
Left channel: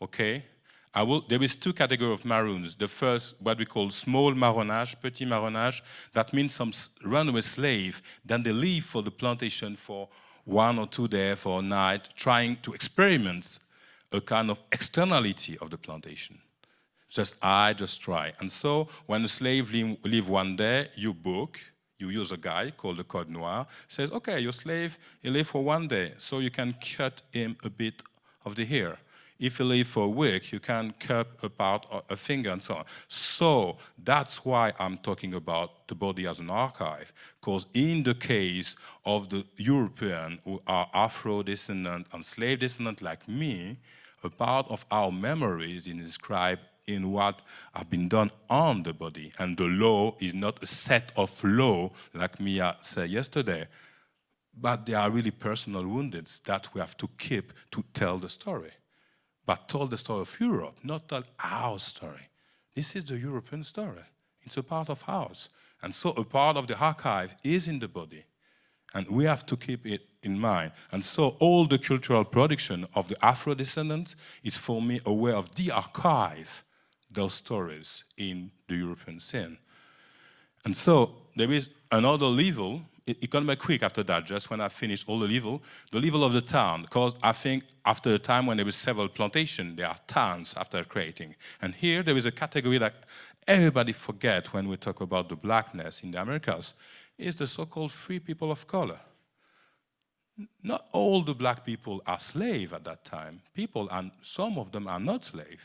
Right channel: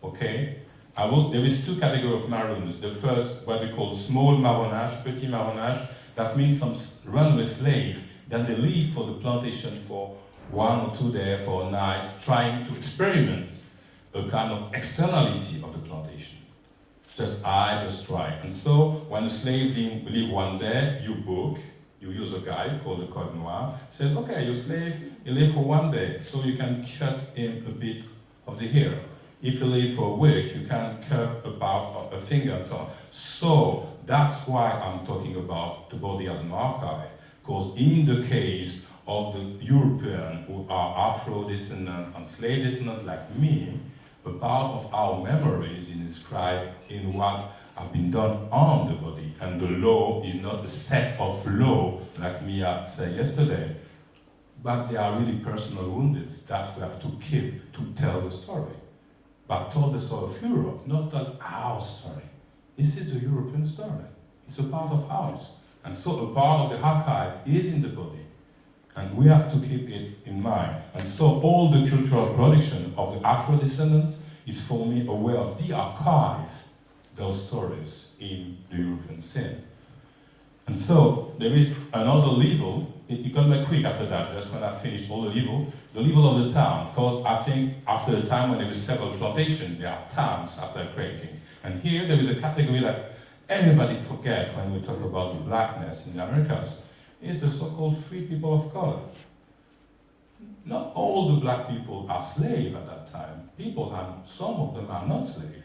okay? There is two categories of maroons. The first, what we call small marronage, petit marronage, that means some runaway slave. Then they leave for the plantation for 1 or 2 days, for a night, trying to experiment a kind of externality of the plantation. Just try. And so when the slave leave one day, you book, you use a guy called the code noir, says, okay, your slave, he leave for 1 day, so you can cut him a bit of the hair. If you leave for a week, you can cut a part of a finger and so on. So that's why I'm talking about the body as an archive, because in the case of the European who are Afro-descendant and slave descendant like me, a part of our memory is inscribed in what have been done on the body. And the law is not a set of law, like Mia said yesterday, but they are really personal wounds that we have to keep to tell the story. But tell the story of Europe, not tell our story. This is the European story. It's a part of ours. And so a part of the archive is in the body. And we have to keep it in mind. And so all the cultural production of the Afro-descendants is for me a way of de-archive those stories in the European scene. And so there is another level, it can be quick after that, just when I finish all the level of the town, because I think after the time when there was several plantations, there are towns after creating. And here there is a category that everybody forget when we talk about the blackness in the Americas, is the so-called free people of color. Not all the black people are slaves at that time. Some of them are not slaves.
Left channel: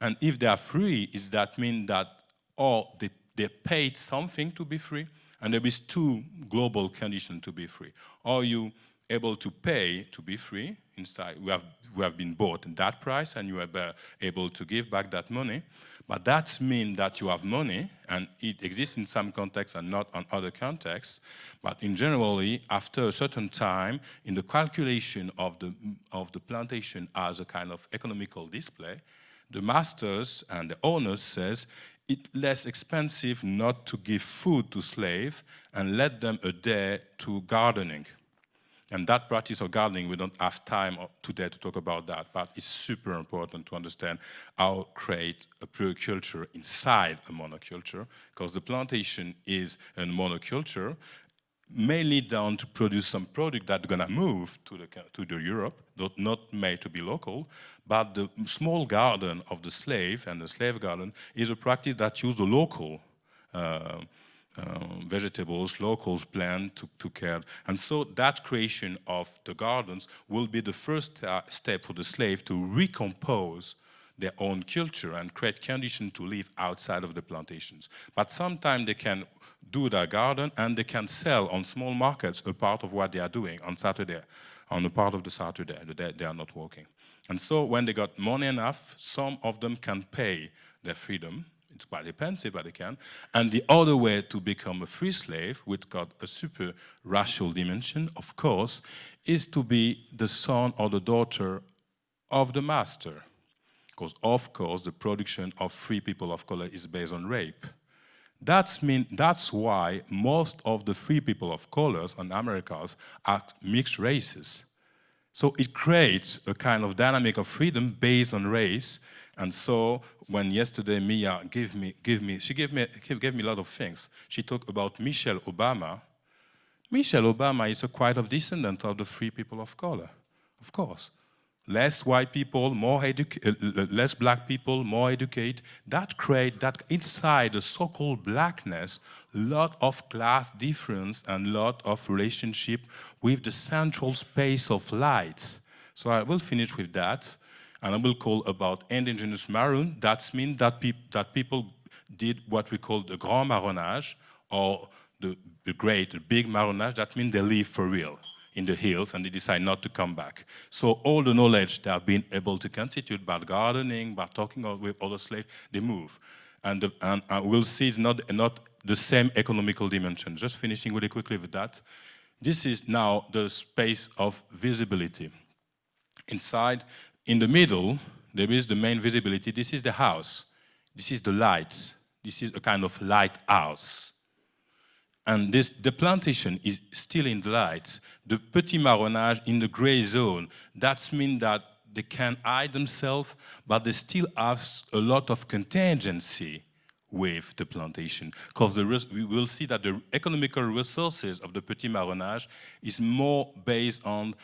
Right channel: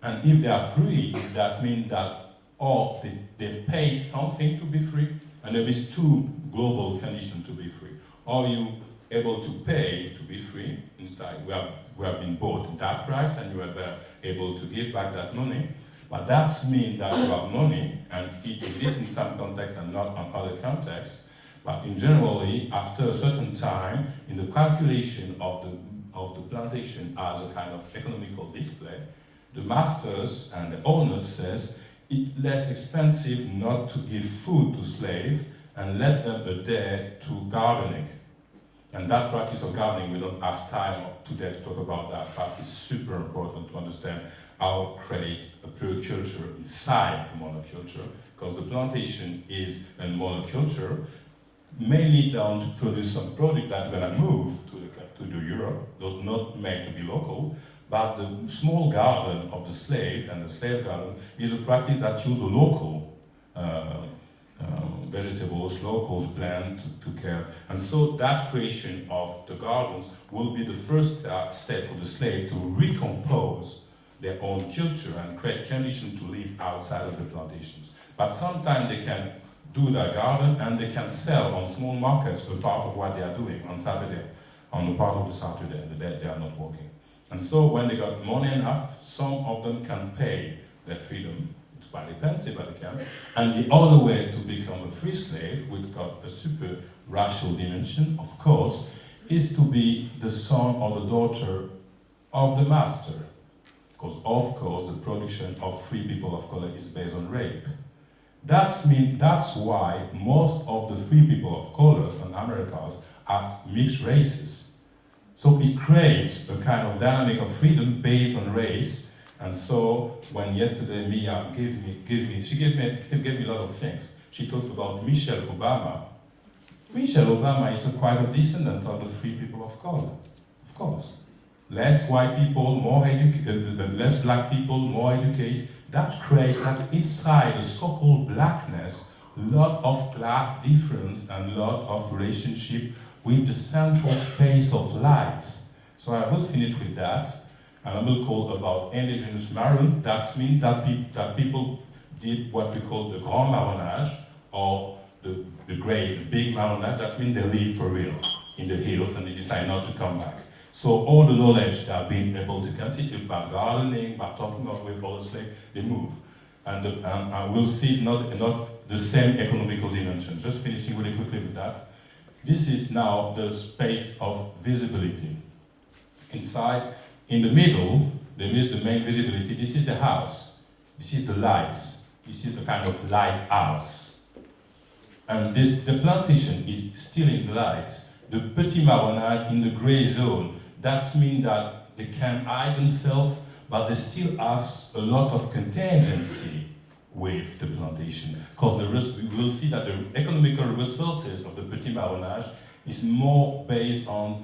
And if they are free, that means that or they paid something to be free, and there is two global conditions to be free. Are you able to pay to be free inside? We have been bought at that price, and you are able to give back that money. But that means that you have money, and it exists in some contexts and not on other contexts. But in generally, after a certain time, in the calculation of the plantation as a kind of economical display, the masters and the owners says it's less expensive not to give food to slaves and let them a day to gardening. And that practice of gardening, we don't have time today to talk about that, but it's super important to understand how to create a pluriculture inside a monoculture, because the plantation is a monoculture, mainly down to produce some product that's gonna move to the Europe, not made to be local, but the small garden of the slave and the slave garden is a practice that uses the local vegetables, local plant to care. And so that creation of the gardens will be the first step for the slave to recompose their own culture and create conditions to live outside of the plantations. But sometimes they can do their garden and they can sell on small markets a part of what they are doing on Saturday, on the part of the Saturday, the day they are not working. And so when they got money enough, some of them can pay their freedom. It's quite expensive, but they can. And the other way to become a free slave, which got a super racial dimension, of course, is to be the son or the daughter of the master. Because, of course, the production of free people of color is based on rape. That's why most of the free people of colors in Americas are mixed races. So it creates a kind of dynamic of freedom based on race. And so when yesterday Mia gave me a lot of things. She talked about Michelle Obama. Michelle Obama is a quite of descendant of the free people of color, of course. Less white people, less black people, more educated. That creates that inside the so-called blackness, lot of class difference and lot of relationship with the central space of light. So I will finish with that, and I will call about indigenous maroon. That means that people did what we call the grand marronnage, or the big marronnage. That means they live for real in the hills and they decide not to come back. So all the knowledge they have been able to constitute by gardening, by talking with other slaves, they move. And we'll see it's not the same economical dimension. Just finishing really quickly with that. This is now the space of visibility. Inside, in the middle, there is the main visibility. This is the house. This is the lights. This is the kind of lighthouse. And the plantation is still in the lights. The petit marronnage in the gray zone, that means that they can hide themselves, but they still have a lot of contingency with the plantation. Because we will see that the economical resources of the petit marronnage is more based on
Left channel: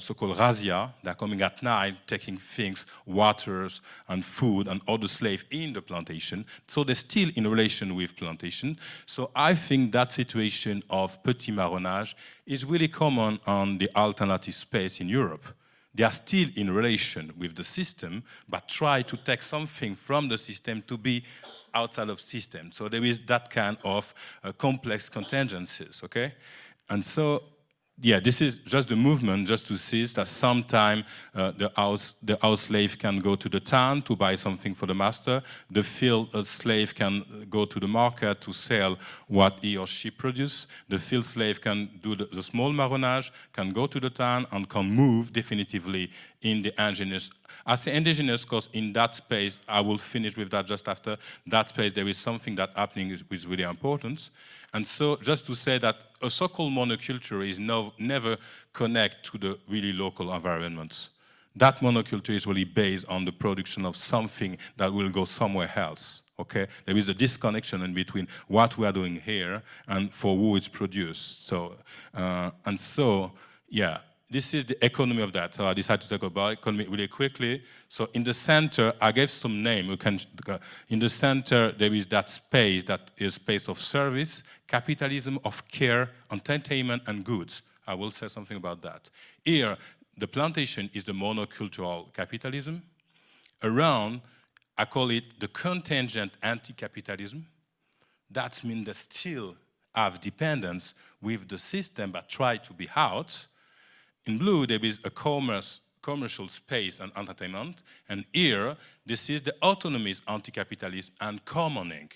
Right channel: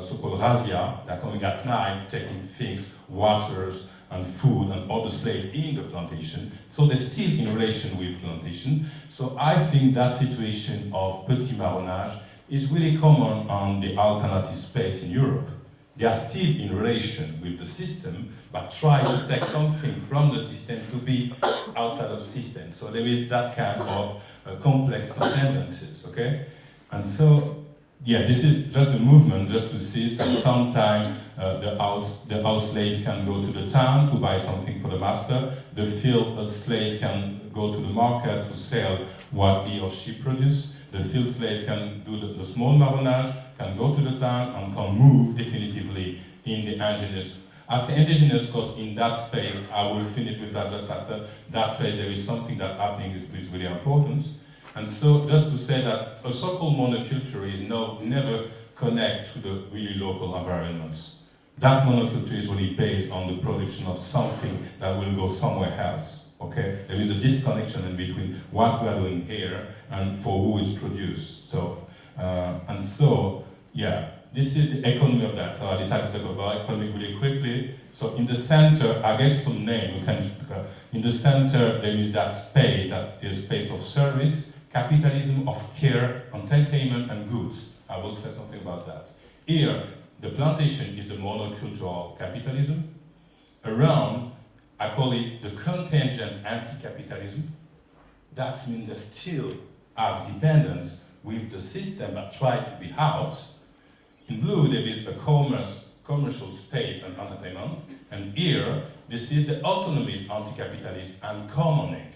so-called razzia. They're coming at night, taking things, waters, and food, and all the slaves in the plantation. So they're still in relation with plantation. So I think that situation of petit marronnage is really common on the alternative space in Europe. They are still in relation with the system, but try to take something from the system to be outside of the system. So there is that kind of complex contingencies, okay? And so, yeah, this is just a movement just to see that sometime the house slave can go to the town to buy something for the master. The field slave can go to the market to sell what he or she produces. The field slave can do the small marronnage, can go to the town and can move definitively in the indigenous. I say indigenous because in that space, I will finish with that just after, that space there is something that happening which is really important. And so just to say that a so-called monoculture is never connect to the really local environments. That monoculture is really based on the production of something that will go somewhere else. Okay? There is a disconnection in between what we are doing here and for who it's produced. So, and so, yeah, this is the economy of that. So I decided to talk about economy really quickly. So in the center, I gave some name. In the center, there is that space that is space of service, capitalism of care, entertainment, and goods. I will say something about that. Here, the plantation is the monocultural capitalism. Around, I call it the contingent anti-capitalism. That means they still have dependence with the system but try to be out. In blue, there is a commercial space and entertainment. And here, this is the autonomist anti-capitalist and commoning.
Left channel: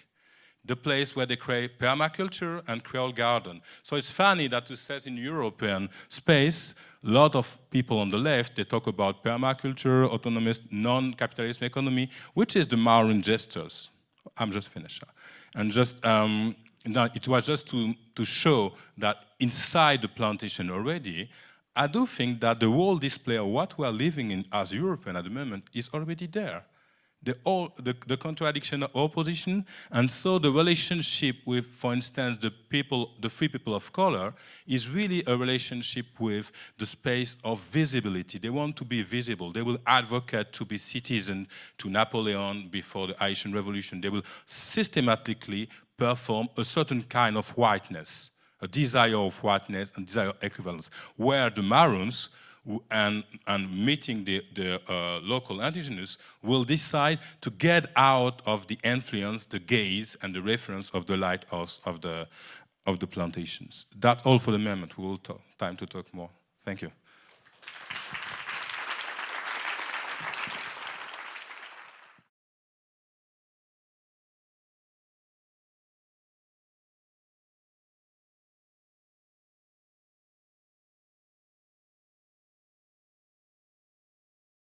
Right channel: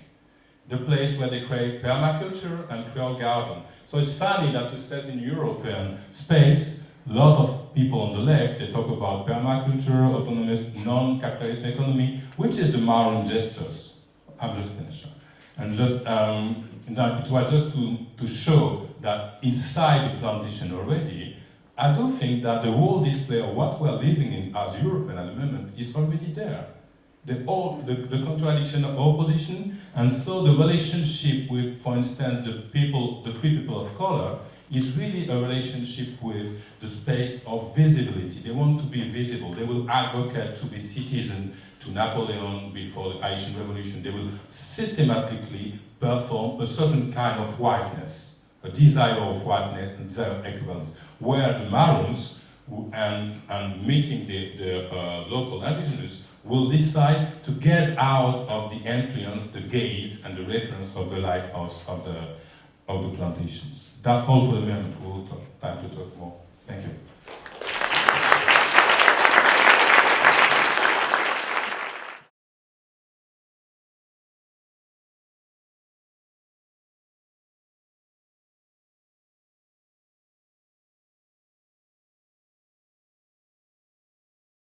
The place where they create permaculture and Creole garden. So it's funny that it says in European space, a lot of people on the left, they talk about permaculture, autonomous, non-capitalist economy, which is the Maroon gestures. I'm just finished. And just, it was just to show that inside the plantation already, I do think that the whole display of what we're living in as European at the moment is already there. The contradiction of opposition, and so the relationship with, for instance, the free people of color is really a relationship with the space of visibility. They want to be visible. They will advocate to be citizen to Napoleon before the Haitian Revolution. They will systematically perform a certain kind of whiteness, a desire of whiteness and desire of equivalence, where the Maroons and meeting the local indigenous will decide to get out of the influence, the gaze, and the reference of the lighthouse of the plantations. That's all for the moment. We will have time to talk more. Thank you.